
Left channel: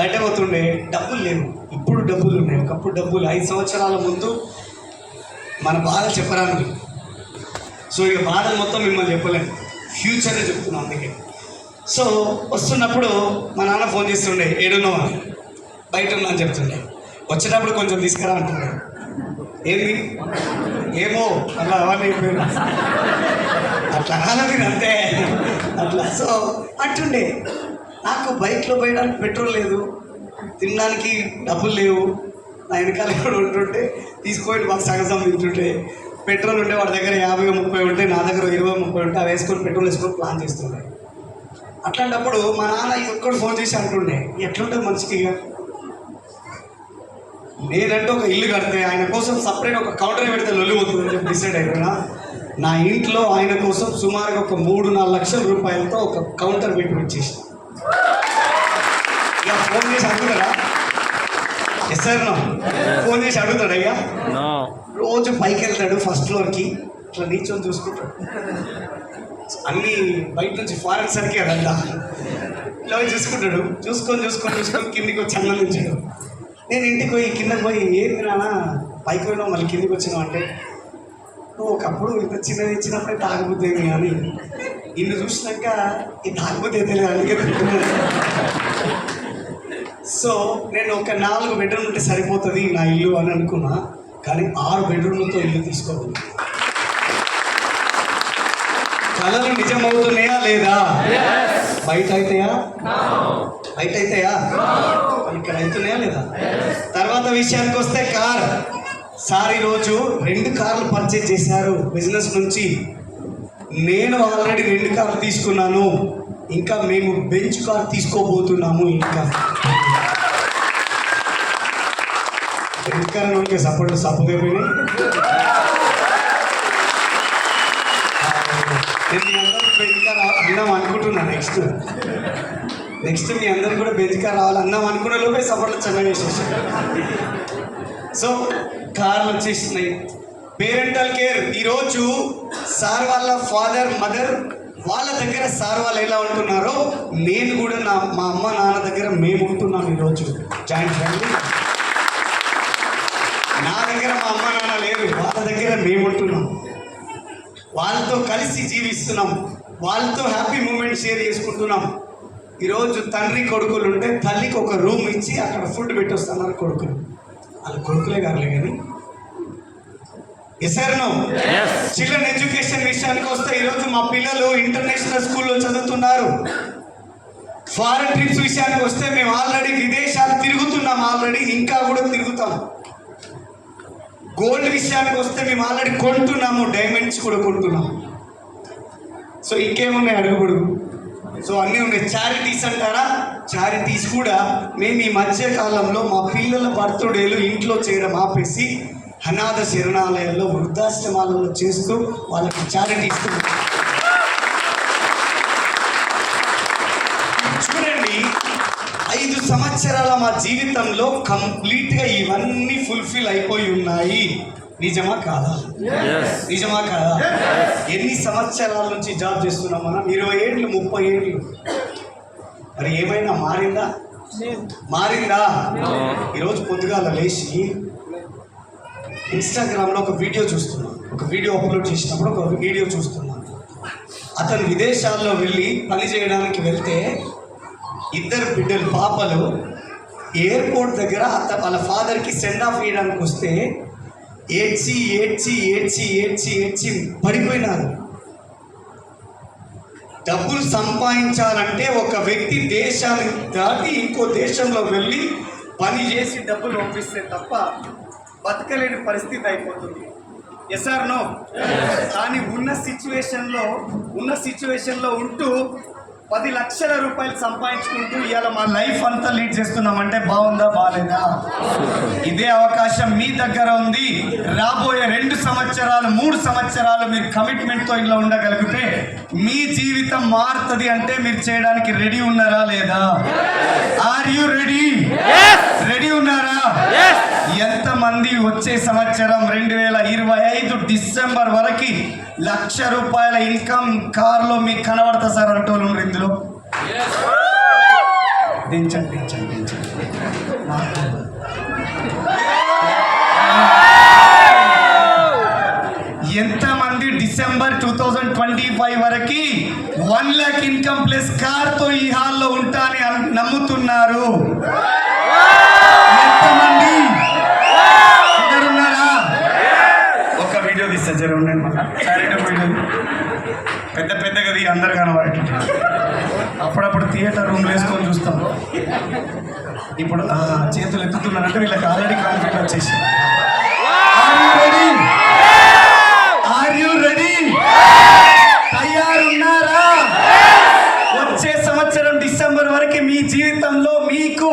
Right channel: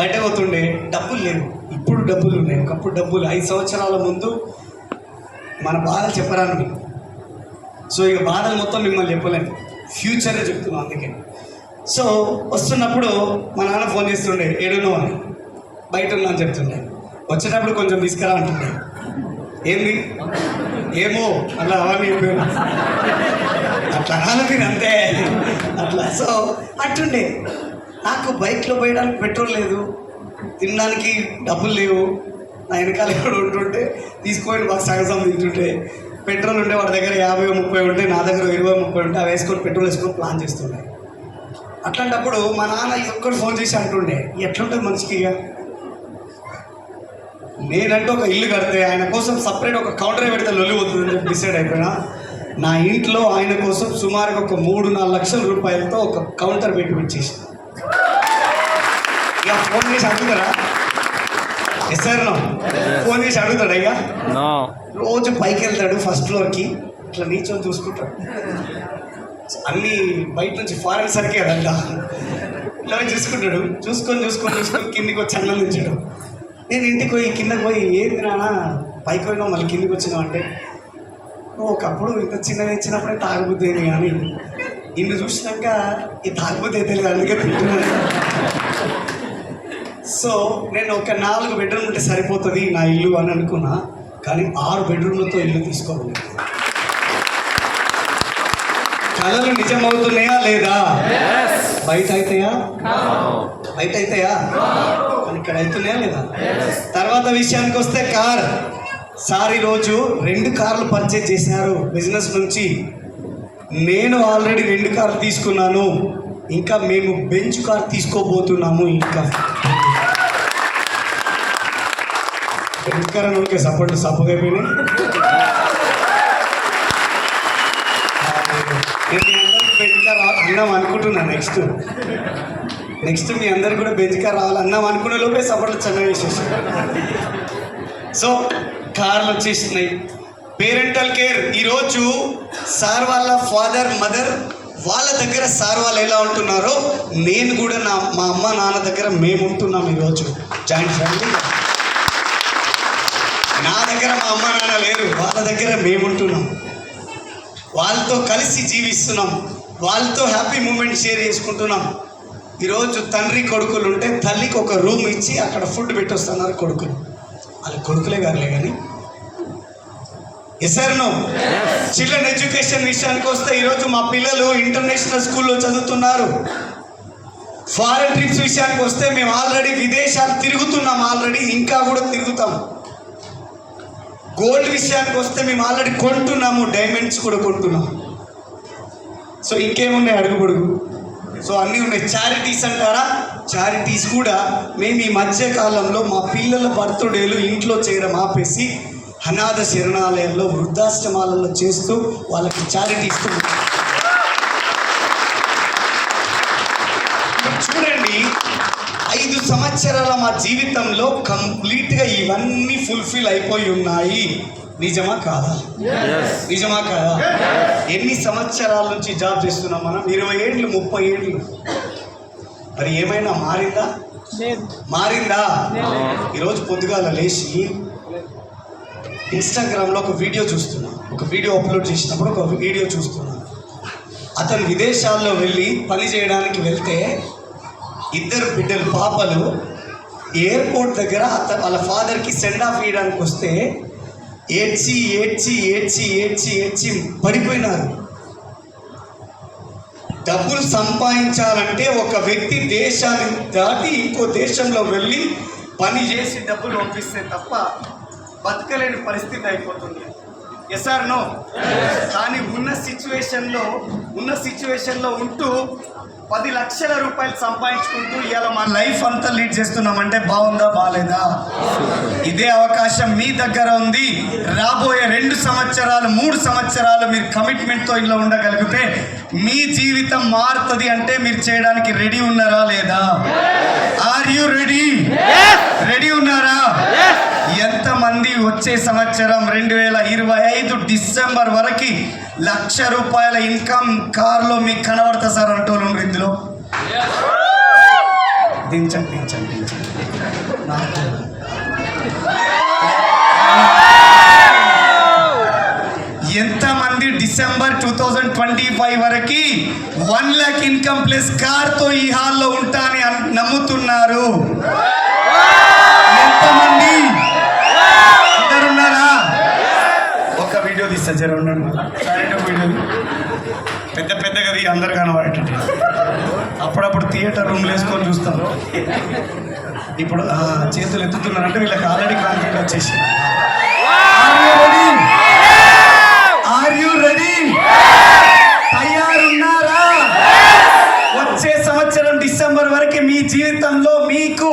బయట పోతుండే, డబ్బులు లేవు, ఇప్పుడు డబ్బులు ఉన్నాయి, ఒకప్పుడు డబ్బులు. 5 సంవత్సరాల ముందు మన బాధలు చెప్పరాను. సో ఇక బాధలు మొత్తం మిమ్మల్ని చెప్పలేను, ఫ్యూచర్గా చెప్తున్నాను. అందుకే సో వస్తున్నప్పుడు మా నాన్న ఫోన్ చేస్తుండే, ఏడునో అని. బయట ఉన్నా అని చెప్తుండే. వచ్చేటప్పుడు కొంచెం తీసుకురా అంటుండే. ఏంది ఏమో అలా అవన్నీ చెప్పాను, అట్లా అలాగే అంతే అట్లా. సో అట్టుండే. నాకు బైక్లో పోయడానికి పెట్రోల్ లేదు, తినడానికి డబ్బులు లేవు. నా వెనకాల ఎవరు ఉంటుంటే తీసుకొని మాకు సగం తింటుంటే, పెట్రోల్ ఉంటే వాడి దగ్గర 50-30 ఉంటే నా దగ్గర 20-30 ఉంటే అవి వేసుకొని పెట్రోల్ వేసుకొని ప్లాన్ చేస్తుండే. అట్లాంటప్పుడు మా నాన్న ఒక్కడు ఫోన్ చేసి అంటుండే, ఎట్లుంటుంది మనిషికి. ఇక నేనంటే ఒక ఇల్లు కడితే ఆయన కోసం సపరేట్ ఒక కౌంటర్ పెడితే లొల్లి పోతుందని చెప్పి డిసైడ్ అయిపోయినా. నా ఇంట్లో ఆయన కోసం సుమారుగా ఒక 3-4 లక్షల రూపాయలతో ఒక కౌంటర్ పెట్టి వచ్చేసి ఇక ఫోన్ చేసి అడుగుతారా? Yes sir no. ఫోన్ చేసి అడుగుతాడు. ఇక రోజు పైకి వెళ్తాడు ఫస్ట్ ఫ్లోర్కి, ఇట్లా నీచొని చూసుకుంటాడు. అన్నీ బయట నుంచి ఫారెన్ సరికి అదంతా ఇలా చూసుకుంటాడు. చూసుకొని కిందికి వచ్చి అన్నం ఉంచాడు. నేను ఇంటికి పోయి కిందకి పోయి, ఏంది నాన్న పైకి పోయినావు మళ్ళీ కిందికి వచ్చినావు అంటే, నువ్వు ఒకప్పుడు ఇంత చిన్నది ఇచ్చినప్పుడే తాగబుద్ది ఏమి అని, నిన్ను చూసినాక ఈ తాగబుద్ది అయితే లేదు, అందుకే తింటున్నాను. సో నేను ఒక 4 బెడ్రూమ్ ఉంటే సరిపోతుంది నా ఇల్లు అని అనుకున్నా. కానీ 6 బెడ్రూమ్లతో ఇల్లు తీసుకోవాలి. కళలు నిజమవుతున్నాయా లేదా? బయట అవుతాయా? ఇక్కడ అవుతున్నాయా లేదా? తర్వాత విషయానికి వస్తే కార్. సార్ ఈరోజు 2 కార్లు పర్చేజ్ చేశారు బిజినెస్ నుంచి. నేను ఆల్రెడీ 2 కార్లు తీసుకున్నాను, ఇంకా మేము బెంచ్ కార్ తీసుకోబోతున్నాము. ఇంకా ఓకే సపోర్ట్ సపోగైపోయినాయి. నేను మీ అందరికీ బెంచ్ కార్ అన్నాం అనుకుంటున్నాను. నెక్స్ట్ మీ అందరికి కూడా బెంచ్ కార్ రావాలన్నాం అనుకునే లోపే సపోర్ట్లు చిన్నగా వేసేసాను. సో కార్లు వచ్చేసినాయి. Parental care. ఈరోజు సార్ వాళ్ళ ఫాదర్ మదర్ వాళ్ళ దగ్గర సార్ వాళ్ళు ఎలా ఉంటున్నారో నేను కూడా మా అమ్మ నాన్న దగ్గర మేము ఉంటున్నాం. ఈరోజు జాయింట్ ఫ్యామిలీ. నా దగ్గర మా అమ్మ నాన్న లేరు, వాళ్ళ దగ్గర మేము ఉంటున్నాం. వాళ్ళతో కలిసి జీవిస్తున్నాం, వాళ్ళతో హ్యాపీ మూమెంట్ షేర్ చేసుకుంటున్నాం. ఈరోజు తండ్రి కొడుకులు ఉంటే తల్లికి ఒక రూమ్ ఇచ్చి అక్కడ ఫుడ్ పెట్టొస్తున్నారు కొడుకులు. వాళ్ళ కొడుకులే కాదులే కానీ. Yes or no? Children education విషయానికి వస్తే ఈరోజు మా పిల్లలు ఇంటర్నేషనల్ స్కూల్లో చదువుతున్నారు. ఫారెన్ ట్రిప్స్ విషయానికి వస్తే మేము ఆల్రెడీ విదేశాలు తిరుగుతున్నాం, ఆల్రెడీ ఇంకా కూడా తిరుగుతాం. గోల్డ్ విషయానికి వస్తే మేము ఆల్రెడీ కొంటున్నాము, డైమండ్స్ కూడా కొంటున్నాం. సో ఇంకేమున్నాయి అడుగుబడుగు. సో అన్నీ ఉన్నాయి. చారిటీస్ అంటారా? చారిటీస్ కూడా మేము ఈ మధ్య కాలంలో మా పిల్లల బర్త్డేలు ఇంట్లో చేయడం ఆపేసి అనాథ శరణాలయాల్లో వృద్ధాశ్రమాలలో చేస్తూ వాళ్ళకి చారిటీ ఇస్తున్నాం. చూడండి, 5 సంవత్సరాల మా జీవితంలో కంప్లీట్గా ఇవన్నీ ఫుల్ఫిల్ అయిపోయి ఉన్నాయి. నిజమా కాదా? నిజమా కాదా? ఎన్ని సంవత్సరాల నుంచి జాబ్ చేస్తున్నాం మనం? 20 ఏళ్ళు, 30 ఏళ్ళు. మరి ఏమైనా మారిందా? ఈరోజు పొద్దుగాల లేచి ఇన్స్టాగ్రామ్లో ఒక వీడియో చూస్తున్నా. ఒక వీడియో అప్లోడ్ చేసినప్పుడు ఒక వీడియో చూస్తున్నా. అతను విదేశాల్లో వెళ్ళి పని చేయడానికి వెళ్తే 2 బిడ్డలు పాపలు ఎయిర్పోర్ట్ దగ్గర వాళ్ళ ఫాదర్కి సెండ్ ఆఫ్ ఇవ్వడానికి వస్తే ఏడ్చి పడిపోయినారు. డబ్బులు సంపాదించాలంటే ఒక వ్యక్తి దేశాన్ని దాటి ఇంకో దేశంలో వెళ్ళి పని చేసి డబ్బులు పంపిస్తే తప్ప బతకలేని పరిస్థితి అయిపోతుంది. Yes or no? కానీ ఉన్న సిచ్యువేషన్లో ఉంటూ 10 లక్షల రూపాయలు సంపాదించుకుంటూ ఇవాళ మా లైఫ్ అంతా లీడ్ చేస్తున్నామంటే బాగుందా బాగాలేదా? ఇదే అవకాశం మీ దగ్గర ఉంది. రాబోయే 2 సంవత్సరాలు 3 సంవత్సరాలు మీరు కమిట్మెంట్తో ఇలా ఉండగలిగితే మీ జీవితం మారుతుంది. అంటే మీరు చేయడానికి రెడీ ఉన్నారా లేదా? Are you ready? రెడీ ఉన్నారా? ఎంతమంది వచ్చే సంవత్సరం 2025 డిసెంబర్ వరకు ₹1,00,000 ఇన్కమ్ కార్లో మీకు కనబడతా సార్ అంటోళ్ళు ఉన్నారు ఇందులో? దించండి. నాకు ఎంతమంది డిసెంబర్ 2025 వరకు 1 lakh ఇన్కమ్ ప్లస్ కార్తో ఈ హాల్లో ఉంటా అని నమ్ముతున్నారు? ఎంతమంది ఉన్నారా? ఒక వీడియో తీస్తా జర ఉండండి. పెద్దగా అందరు కనబడేటట్టు. అప్పుడప్పుడు థియేటర్ రూమ్లు వేసుకొని చూస్తాం. ఇప్పుడు చేతులు ఎత్తుతున్నారంటే వీళ్ళకి ఆల్రెడీ కాన్ఫిడెంట్ వచ్చేసి. Are you ready? తయారున్నారా? వచ్చే సంవత్సరం డిసెంబర్ వరకు మీ జీవితంలో మీకు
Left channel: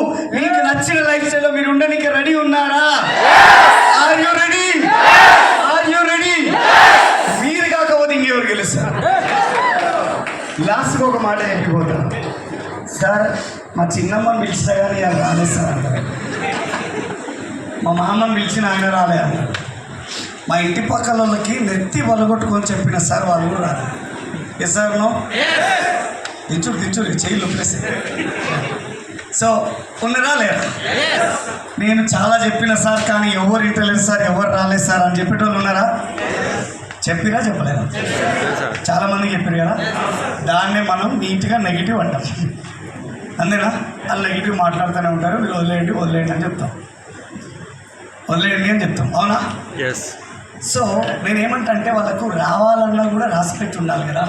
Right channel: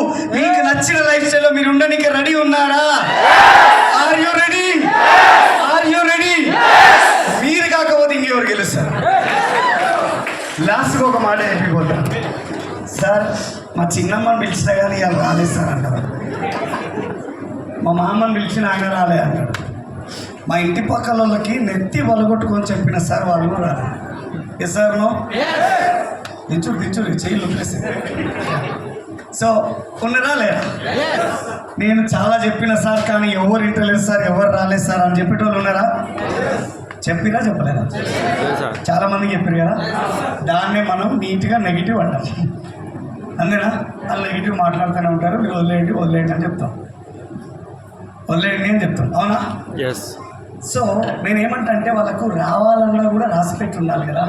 నచ్చిన లైఫ్ స్టైల్లో మీరు ఉండడానికి రెడీ ఉన్నారా? Are you ready? మీరు కాకపోతే ఇంకెవరు గెలుస్తారు? లాస్ట్కి ఒక మాట చెప్పిపోతాను సార్. మా చిన్నమ్మని పిలిచినా కానీ ఇవాళ రాలేదు సార్ అంటారు. మా మామని పిలిచిన ఆయన రాలే అన్నాడు. మా ఇంటి పక్కల వాళ్ళకి నెత్తి వలగొట్టుకొని చెప్పిన సార్ వాళ్ళు కూడా రాలేదు. Yes sir no? దించుడు చెయ్యి లొప్పేసి. సో ఉన్నరా లేదా? నేను చాలా చెప్పిన సార్ కానీ ఎవరు ఇంటలేదు సార్, ఎవరు రాలేదు సార్ అని చెప్పేటోళ్ళు ఉన్నారా? చెప్పిరా చెప్పలేదా? చాలా మందికి చెప్పారు కదా. దాన్నే మనం నీట్గా నెగిటివ్ అంటాం. అంతేనా? వాళ్ళు నెగిటివ్ మాట్లాడుతూనే ఉంటారు. మీరు వదిలేయండి అని చెప్తాం. వదిలేయండి అని చెప్తాం. అవునా? ఎస్. సో నేనేమంటా అంటే వాళ్ళకు రావాలన్నా కూడా రాసిపెట్టి ఉండాలి కదా.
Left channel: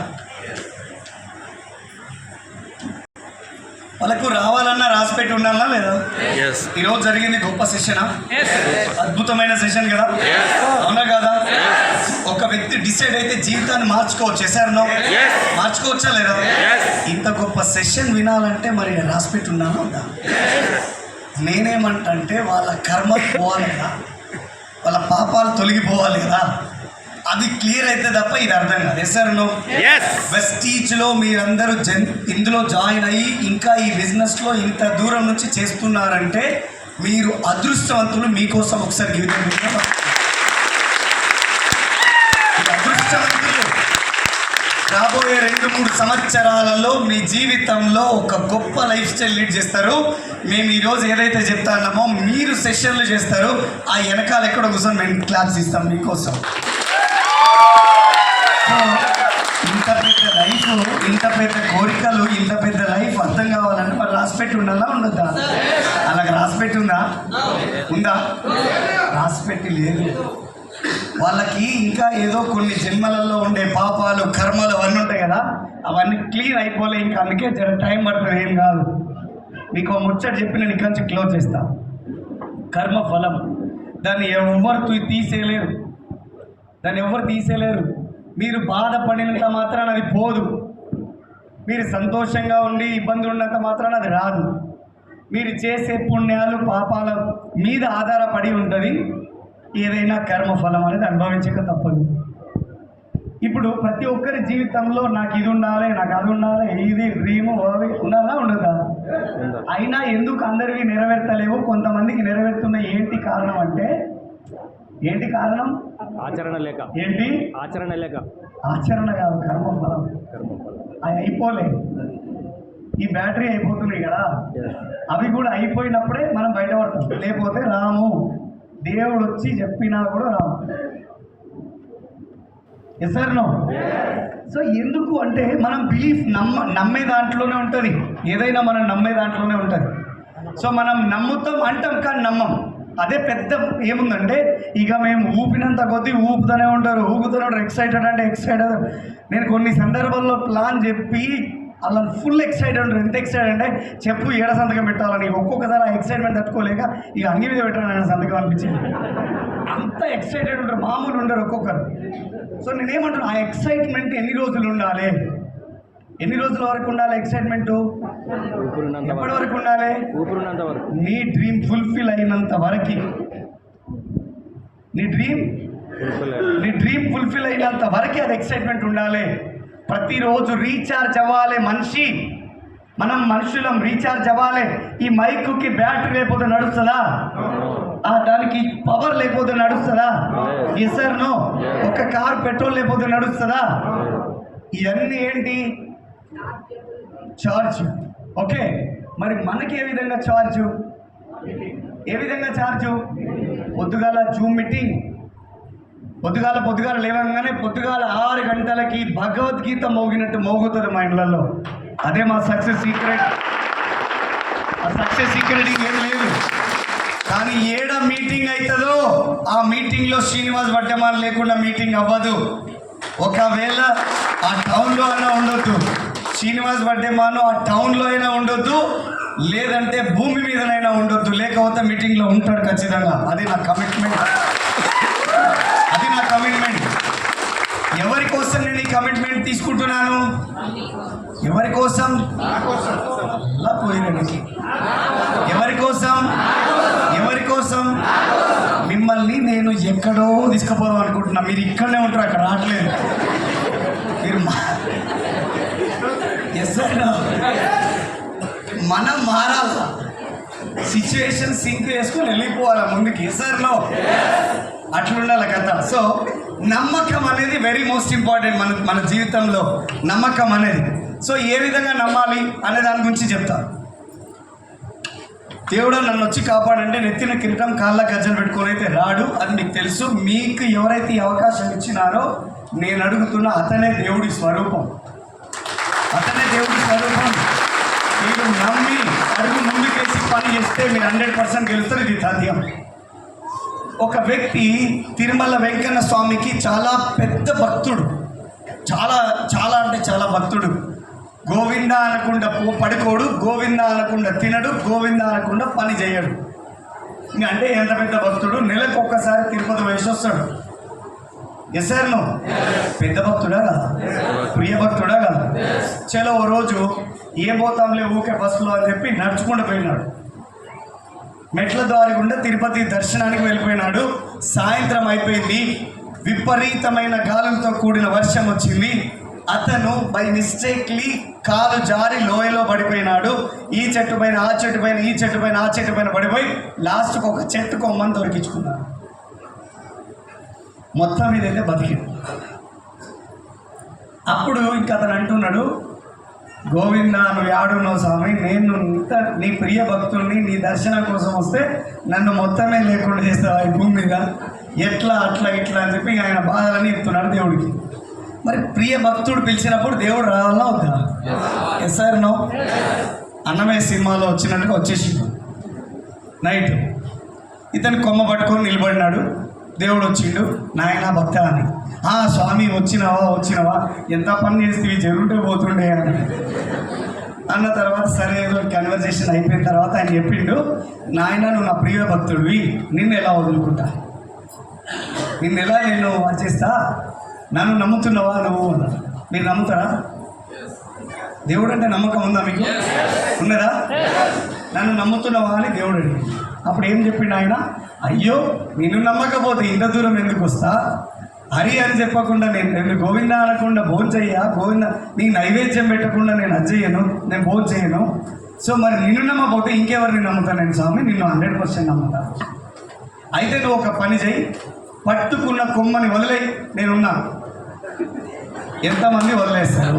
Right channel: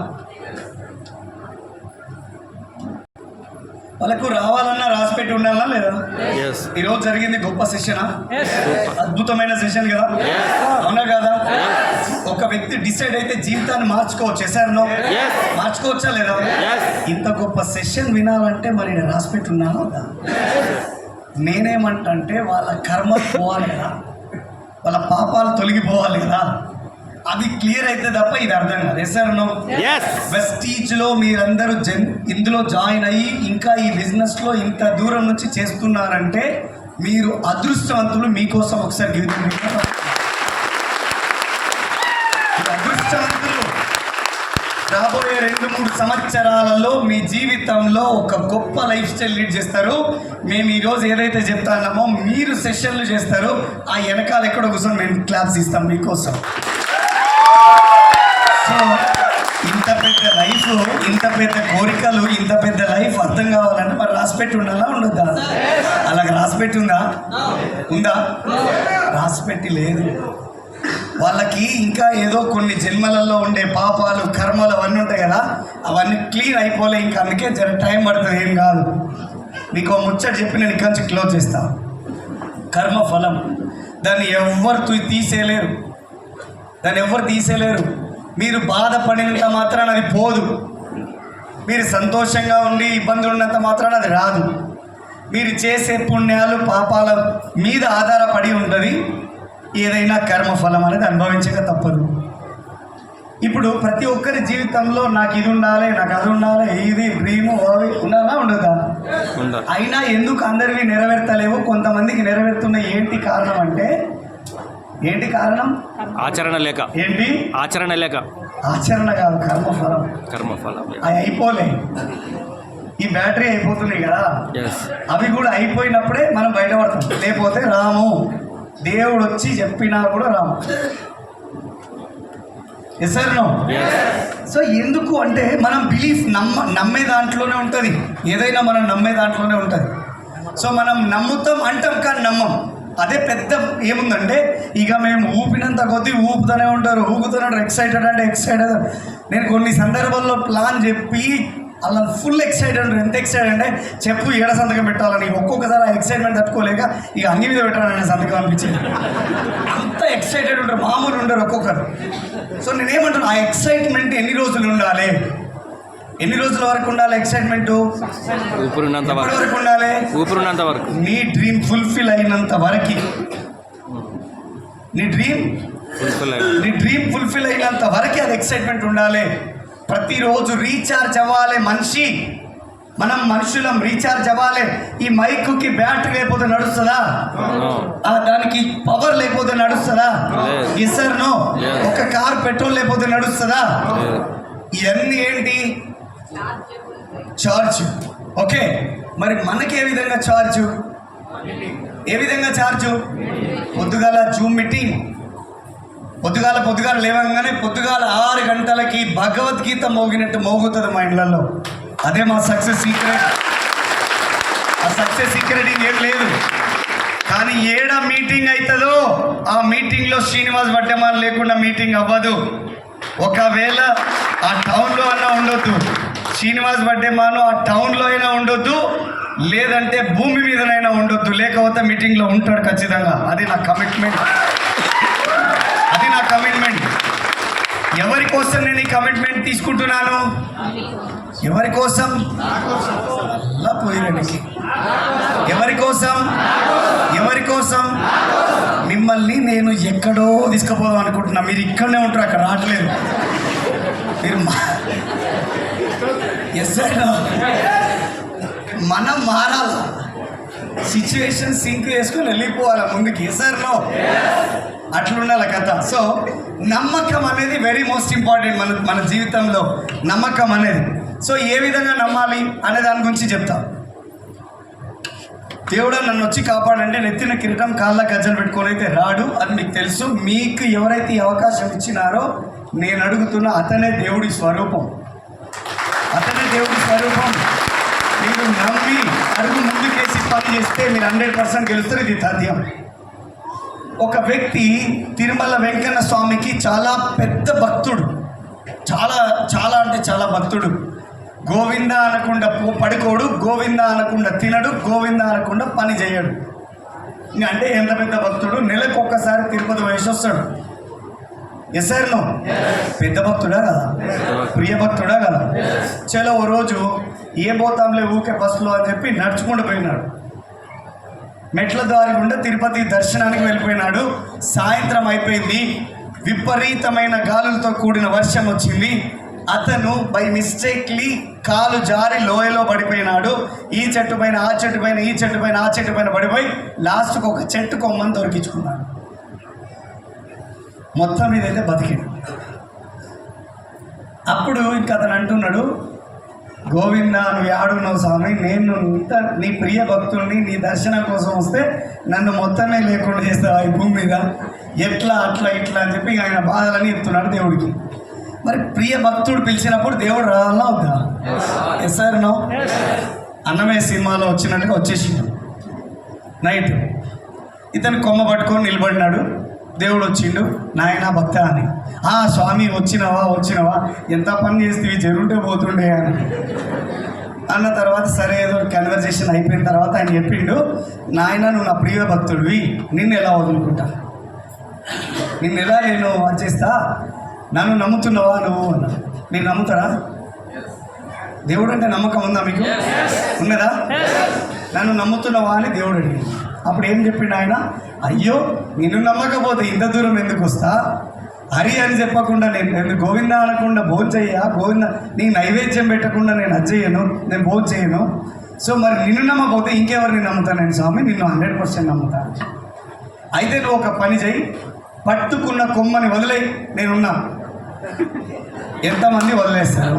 వాళ్ళకు రావాలన్నా రాసిపెట్టి ఉండాలన్నా లేదా? ఈరోజు జరిగింది గొప్ప సెషనా? అద్భుతమైన సెషన్ కదా, అవునా కదా? ఒక వ్యక్తి డిసైడ్ అయితే జీవితాన్ని మార్చుకోవచ్చు. ఎసారనో? మార్చుకోవచ్చా లేదా? ఇంత గొప్ప సెషన్ వినాలంటే మరి రాసిపెట్టి ఉన్నాను. నేనేమంటే వాళ్ళ కర్మ పోవాలి కదా, వాళ్ళ పాపాలు తొలగిపోవాలి కదా. అది క్లియర్ అయితే తప్ప ఇది అర్థం కాదు. ఎసారనో? వెస్టీజ్లో మీరందరూ ఇందులో జాయిన్ అయ్యి ఇంకా ఈ బిజినెస్లో ఇంత దూరం నుంచి చేస్తున్నారంటే మీరు అదృష్టవంతులు. మీకోసం ఒకసారి అదృష్టవంతులు. రాబోయే 2-3 సంవత్సరాలలో మీ జీవితంలో ఒక గొప్ప లైఫ్ స్టైల్ లీడ్ చేస్తారు. మేము ఈరోజు ఏదైతే చెప్తామో మీరు సెషన్లు చేస్తారు. ఆ వెనకాల ఎక్కడ కూర్చొని మేము క్లాప్స్ ఇస్తాం మీకోసం. ఇంత పెద్ద లైఫ్, ఇంత పెద్ద కోరికలు, ఇంత పెద్ద లైఫ్ అర్థం కావాలంటే మరి రాసిపెట్టి ఉండాలా ఉండద్దా? అలాగే రాసిపెట్టి ఉందా? రాసిపెట్టి లేదు. వాళ్ళకి ఇంకా ఏదో కొన్ని జన్మలలో ఉండే పాపాలు, కర్మలు అవన్నీ ఉంటాయి కదా, అవన్నీ క్లీన్ అయిపోలే. ఇంకా అందుకే జర టైం పడుతుంది. ఏం కాదు. మీకు ముచ్చట చెప్పి నేను ఇక్కడి నుంచి క్లోజ్ చేస్తా. కర్మ ఫలం, దాన్ని ఎవరు తీసేయలేరు. మీరు బాధపడినంత మాత్రాన అది పోదు. మీరు సంతోషంగా ఉండి ఇబ్బందులు ఉన్నంత మాత్రాన అది రాదు. మీరు చేసే పుణ్యాలు, పాపాల మీద ఆధారపడి ఉంటుంది. ఏదైనా కర్మఫలం అనేది అనుభవించక తప్పదు. ఇప్పుడు ప్రతి ఒక్కరి జీవితంలో నాకు ఇది ఉండాలి, నాకు అది ఉండాలి, ఇది డ్రీము అవి ఉండాలా ఉండదా? అయినా ఎందుకు అందరివి నెరవేర్తలేవు? కొంతమందికి నెరవేరుతున్న ఏంటి కారణం అంటే, ఏంటి కారణం? ఆచరణ లేక. ఏంటి? ఆచరణ లేక. ఆచరణ కాదు, కర్మఫలం. అవి అయిపోలే. ఈ బ్యాటరీ అయిపోతుంది కదా, అవి కూడా అయిపోయినప్పుడే మనం బయటపడతాం. లేకపోతే రాము. దేవుడు వచ్చి చెప్పినా కూడా రాము. Yes sir no? సో ఎందుకు అంటే మనం బిలీఫ్ నమ్మే దాంట్లోనే ఉంటుంది. ఏదైనా మనం నమ్మే దాంట్లోనే ఉంటుంది. సో మనం నమ్ముతాం అంటాం కానీ నమ్మం. అదే పెద్ద ఏముందంటే ఇక మేము ఊపినంత కొద్దీ ఊపుతూనే ఉంటారు. ఎక్సైటెడ్ అంటే ఎక్సైటెడ్. నేను కొన్ని సందర్భాల్లో ప్లాన్ చెప్పి అలా ఫుల్ ఎక్సైటెడ్ ఉంటారు. ఎంత ఎక్సైటెడ్ అంటే చెప్పు ఏడ సంతకం పెట్టాలని. ఒక్కొక్కసారి ఆ ఎక్సైట్మెంట్ తట్టుకోలేక ఇక అంగి మీద పెట్టాలని సంతకం అనిపించింది. అంత ఎక్సైటెడ్ ఉంటారు, మామూలు ఉండరు ఒక్కొక్కరు. సో నేనేమంటాను, ఆ ఎక్సైట్మెంట్ ఎన్ని రోజులు ఉండాలి? ఎన్ని రోజుల వరకు ఉండాలి ఎక్సైట్మెంట్? ఊపిరినంత వరకు ఉండాలి. ఊపిరినంత వరకు. నీ డ్రీమ్ ఫుల్ఫిల్ అయినంత వరకు. నీ డ్రీమ్ ఫుల్ఫిల్ అయినంత వరకు అది ఎక్సైట్మెంట్ ఉండాలి. ప్రతిరోజు రీఛార్జ్ అవ్వాలి మనిషి. మనం మనుషులం రీఛార్జ్ అవ్వాలి. ఈ మైక్కి బ్యాటరీ లేకపోతే నడుస్తుందా? దానికి పవర్ లేకపోతే నడుస్తుందా? Or no. ఒక కార్ పెట్రోల్ లేకపోతే నడుస్తుందా? ఇవన్నీ ఏంటి? చార్జ్. ఓకే, మరి మనకి ఏ విధంగా చార్జు? ఏ విధంగా చార్జు? పొద్దుగాల జూమ్ మీటింగ్, పొద్దుగాల లేవగానే పొద్దుగాల 6 గంటలకి భగవద్గీత మోగినట్టు మోగుతుంది మా ఇళ్ళల్లో. అదే మా సక్సెస్ సీక్రెట్. ఆ సక్సెస్ సీక్రెట్ ఇంకేం లేదు. కానీ ఏడ మీటింగ్ అవుతుందో ఆ మీటింగ్లో శ్రీనివాస్ వడ్డెమాన్ లేకుండా మీటింగ్ అవ్వదు. ఒకవేళ ఆ టౌన్లో అయినా ఉండొద్దు, శ్రీనివాస్ వడ్డెమాను ఆ టౌన్లో అయినా ఉండొద్దు, లేదంటే భూమి మీదనైనా ఉండొద్దు, లేకపోతే మీటింగ్లో ఉంటాడు ఖచ్చితంగా. అది నా కమిట్మెంట్. ఎవరి కోసం నేను ఈ కమిట్మెంట్ తీసుకుంటున్నాను? ఎవరి కోసం? అలా పోయినకి. ఎవరి కోసం? మిమ్మల్ని నేను ఎక్కడో తీసుకుపోదాం అనుకుంటున్నా. మీరు ఇక్కడనే ఉంటారు, అక్కడ రావట్లేదు. మీరు మనం మారాల, సిచ్యువేషన్ సింక్ చేసుకొని వెళ్ళిపోవాలి ముందుకి. ఎస్ఆర్లో అట్లుండాలి కదా. సో నమ్మకం అనేది వెరీ మోస్ట్ ఇంపార్టెంట్ మన జీవితంలో, నమ్మకం అనేది. సో ఏ విధంగా నమ్మాలి అనే దాని గురించి చెప్తాను. దేవుడు నన్ను వచ్చి కాపాడంటే నెత్తిన కిరీటం కాళ్ళ గజ్జలు పెట్టుకొని అయితే రాడు, అది మీకు తెలుసు. మీకు ఎవరైతే ఈ అవకాశం ఇచ్చినారో నేను అడుగుతున్నా, అతనే దేవుడి స్వరూపం. మీరు నమ్మి అడుగు ముందుకేసి పని చేస్తే మీరు 100% గెలుస్తారు. ఇది తథ్యం. ఒక వ్యక్తి తిరుమల వెంకన్న స్వామికి చాలా పెద్ద భక్తుడు, చాలా అంటే చాలా భక్తుడు. గోవింద అనకుండా పడుకోడు, గోవింద అనకుండా తినడు, గోవింద అనకుండా పని చేయడు. అంటే ఎంత పెద్ద భక్తుడు! నెలకు ఒక్కసారి తిరుపతి వయసు వస్తాడు. Or no. పెద్ద భక్తుడా కదా? ప్రియ భక్తుడా కదా? చలో ఓ రోజు ఏ పోతాంలే ఊకే బస్సులో అని చెప్పి నడుచుకుంటూ పోయినాడు. మెట్ల దారి గుండా తిరుపతి దర్శనానికి వెళ్ళిపోయినాడు. సాయంత్రం అయిపోయింది, విపరీతమైన గాలులతో కూడిన వర్షం వచ్చింది. అతను బై మిస్టేక్లీ కాలు జారి లోయలో పడిపోయినాడు. ఈ చెట్టు పైన ఆ చెట్టు పైన, ఈ చెట్టు పైన ఆ చెట్టు పైన పడిపోయి లాస్ట్కి ఒక చెట్టు కొమ్మని దొరికించుకున్నాడు. మొత్తం ఇదైతే బతికిండు. అప్పుడు ఇంకా అతను అంటున్నాడు, గోవింద నువ్వు యాడున్నావు స్వామి, నేను నీ ప్రియ భక్తుల్ని నీ దర్శనం కోసం వస్తే నన్ను మొత్తమే లేకుండా చేస్తావా ఈ భూమి మీద? ఎట్లా అట్లా ఇట్లా అని చెప్పి ఆయన బాధలని చెప్తున్నాడు దేవుడికి. మరి ప్రియ భక్తుడు పిలిచినప్పుడు దేవుడు రావాలా వద్దా? Or no. అన్నమే సినిమాలో వచ్చినట్టుగా వచ్చేసిండు. నైట్ ఇతను కొమ్మ పట్టుకొని నిలబడినాడు. దేవుడు వచ్చిండు, నాయన భక్త అని. స్వామి వచ్చినవా ఎంత పని చేస్తే జరుగుంటే పోతుండే అని అన్న తర్వాత సరే ఏదో కన్వర్జేషన్ అయిపోయిన తర్వాత ఆయన చెప్పిండు, నాయన నువ్వు నా ప్రియ భక్తుడివి, నిన్ను ఎలా వదులుకుంటా, నిన్నెలా నేను వచ్చేస్తా, నన్ను నమ్ముతున్నావా నువ్వు అన్న. మీరు నమ్ముతారా? దేవుడు అంటే నమ్మకం ఉందా మీకు? ఉన్నదా? నన్ను నమ్ముతున్నావా అని దేవుడు అడిగి అప్పుడు ఏం చెప్పిండు ఆయన, అయ్యో నిన్ను నమ్మకపోతే ఇంత దూరం ఎందుకు వస్తా, హరి అని చెప్పకుండా నేను గోవింద అనకుండా భోజనం చెయ్యా, గోవింద నీకు నైవేద్యం పెట్టకుండా నేను అజ్జయ్యను, నేను భోజనం చేయను. సో మరి నిన్ను నమ్మకపోతే ఇంకెవరిని నమ్ముతాను నేను స్వామి, నిన్ను 100% నమ్ముతాను. అయితే నువ్వు ఒక పని చేయి, పట్టుకున్న కొమ్మని వదిలేయి, నేనున్నా. ఎంతమంది వదిలేస్తారు?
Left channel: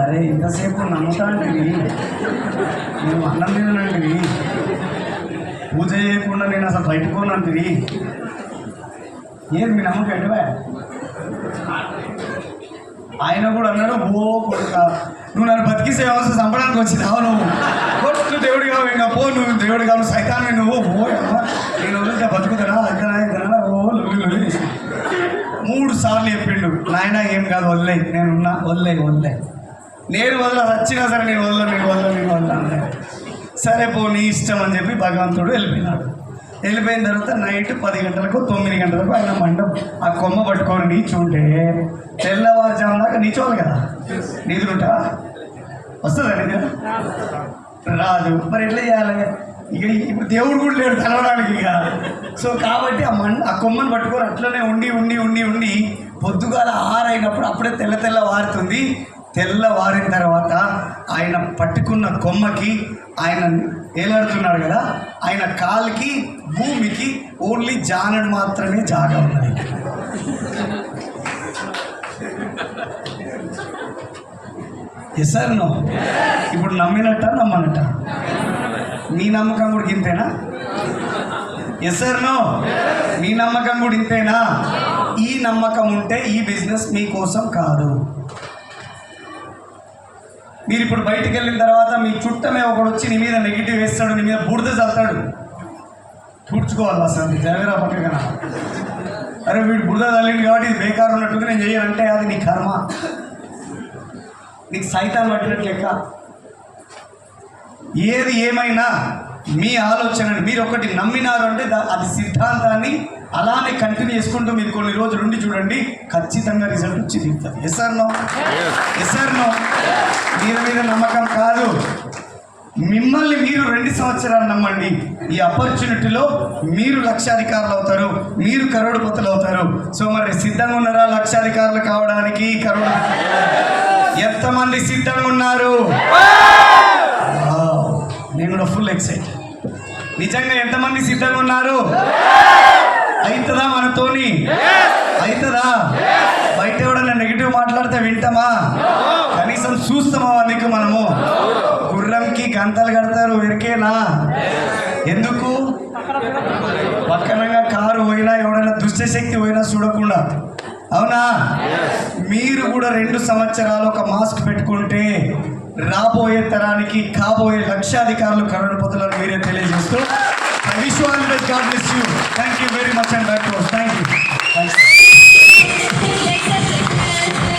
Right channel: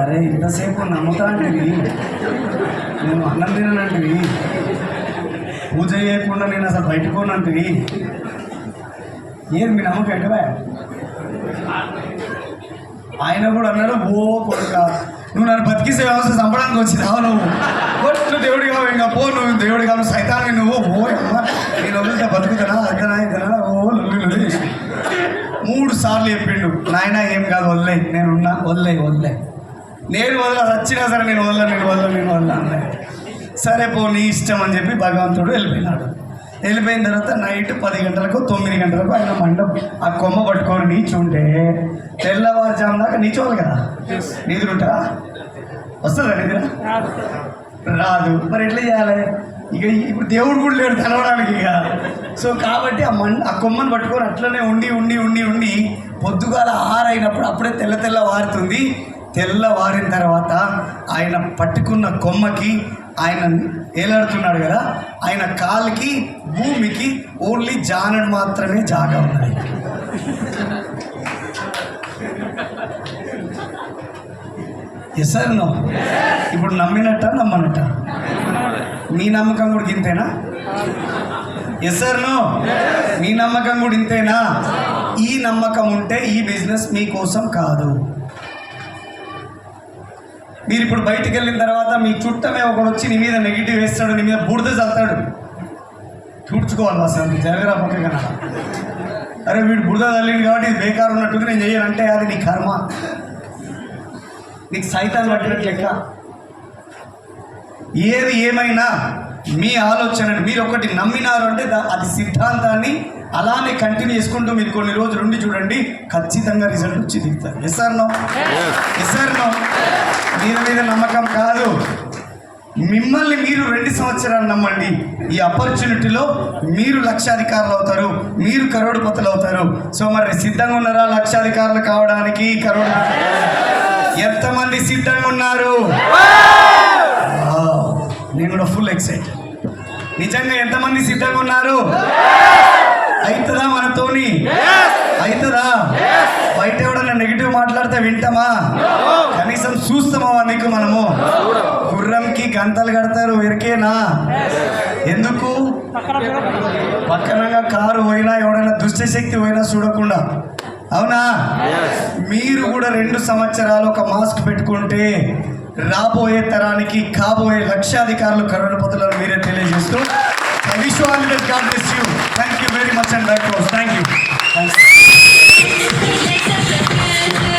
అరే ఇంతసేపు నమ్ముతా అంటివి, నేను అన్నం తిననంటివి, పూజ చేయకుండా నేను అసలు బయటకోనంటివి, ఏది మీ నమ్మకం ఏంటివా? ఆయన కూడా అన్నాడు, ఓ కొడుక నువ్వు నన్ను బతికిసే అవసరం చంపడానికి వచ్చినావు, నువ్వు దేవుడు కావు, ఇంకా పో, నువ్వు దేవుడు కావు, సైతాన్ని నువ్వు అమ్మ నేను వదిలితే బతుకుతానా, ఇద్దనా ఓ లొల్లి 3 సార్లు చెప్పిండు. నాయన ఏం కాదు, వదిలేయి, నేనున్నా, వదిలే నేను వచ్చినా సరే నేను వదలను. సరే పో నీ ఇష్టం అని చెప్పి భగవంతుడు వెళ్ళిపోయిన తర్వాత నైట్ 10 గంటలకు 9 గంటలకు ఆయన మండపం ఆ కొమ్మ పట్టుకొని నీచుంటే తెల్లవారుజాము దాకా నీచోవాలి కదా. నిద్రుంటా వస్తుందా? నిద్ర రాదు. మరి ఎట్లా చేయాలి? ఇక ఇప్పుడు దేవుడు కూడా లేడు తెలవడానికి ఇక. సో కాబట్టి ఆ కొమ్మను పట్టుకొని అట్లనే ఉండి పొద్దుగాల 6 అయినప్పుడు అప్పుడే తెల్ల వారుతుంది. తెల్లవారిన తర్వాత ఆయన పట్టుకున్న కొమ్మకి ఆయన ఏలాడుతున్నాడు కదా, ఆయన కాలికి భూమికి ఓన్లీ జానడు మాత్రమే జాగా ఉన్నది. Yes sir no? ఇప్పుడు నమ్మినట్ట నమ్మనట్ట? మీ నమ్మకం కూడా ఇంతేనా? Yes sir no? మీ నమ్మకం కూడా ఇంతేనా? ఈ నమ్మకం ఉంటే ఈ బిజినెస్ మీకోసం కాదు. మీరు ఇప్పుడు బయటికి వెళ్ళిన తర్వాత మీ చుట్టమే ఒకడు వచ్చి నీ మీద నెగిటివ్ వేస్తాడు, నీ మీద బూడిద చల్తాడు, చూడ్చుకోవాలి అసలు జరగరా పక్కన. అరే వీడు బురద చల్లింది కాబట్టి ఇది బేకారు ఉన్నట్టుంది, నేను చేయాలంటే అది నీ కర్మ, నీకు సైతాన్ని పట్టినట్లు లెక్క. ఏది ఏమైనా మీ ఆలోచనని మీరు ఒకటి నమ్మినారు అంటే అది సిద్ధాంతాన్ని అలానే కంటిన్యూ చేసుకుంటూ మీరు కొన్ని రోజులు ఉండి చూడండి, ఖచ్చితంగా రిజల్ట్ వచ్చి దిగుతారు. Yes sir no? Yes sir no? మీద నమ్మకం కాదు, మిమ్మల్ని మీరు 2 సంవత్సరాలు నమ్మండి. ఈ ఆపర్చునిటీలో మీరు లక్షాధికారులు అవుతారు, మీరు కరోడుపతులు అవుతారు. సో మరి సిద్ధంగా ఉన్నారా లక్షాధికారులు కావడానికి? ఎంతమంది సిద్ధంగా ఉన్నారు? నేను కూడా ఫుల్ ఎక్సైటెడ్. నిజంగా ఎంతమంది సిద్ధంగా ఉన్నారు? అవుతుందా మనతోని? అవుతుందా? బయట ఎవడన్నా నెగిటివ్ మాట్లాడితే వింటామా? కనీసం చూస్తామా? నీకు మనము గుర్రంకి గంటలు కడతారు ఎరికేనా? ఎందుకు? పక్కనగా కారు పోయినా ఎవడైనా దుష్టశక్తి పోయినా చూడకుండా, అవునా? మీరు కూడా 2 సంవత్సరాలు ఒక మాస్క్ పెట్టుకుంటే రాబోయే తరానికి కాబోయే లక్షాధికారులు కరోడుపతులను మీరే తెలియజేస్తూ, I wish you all the best. God bless you. Thank you very much and back to us. Thank you.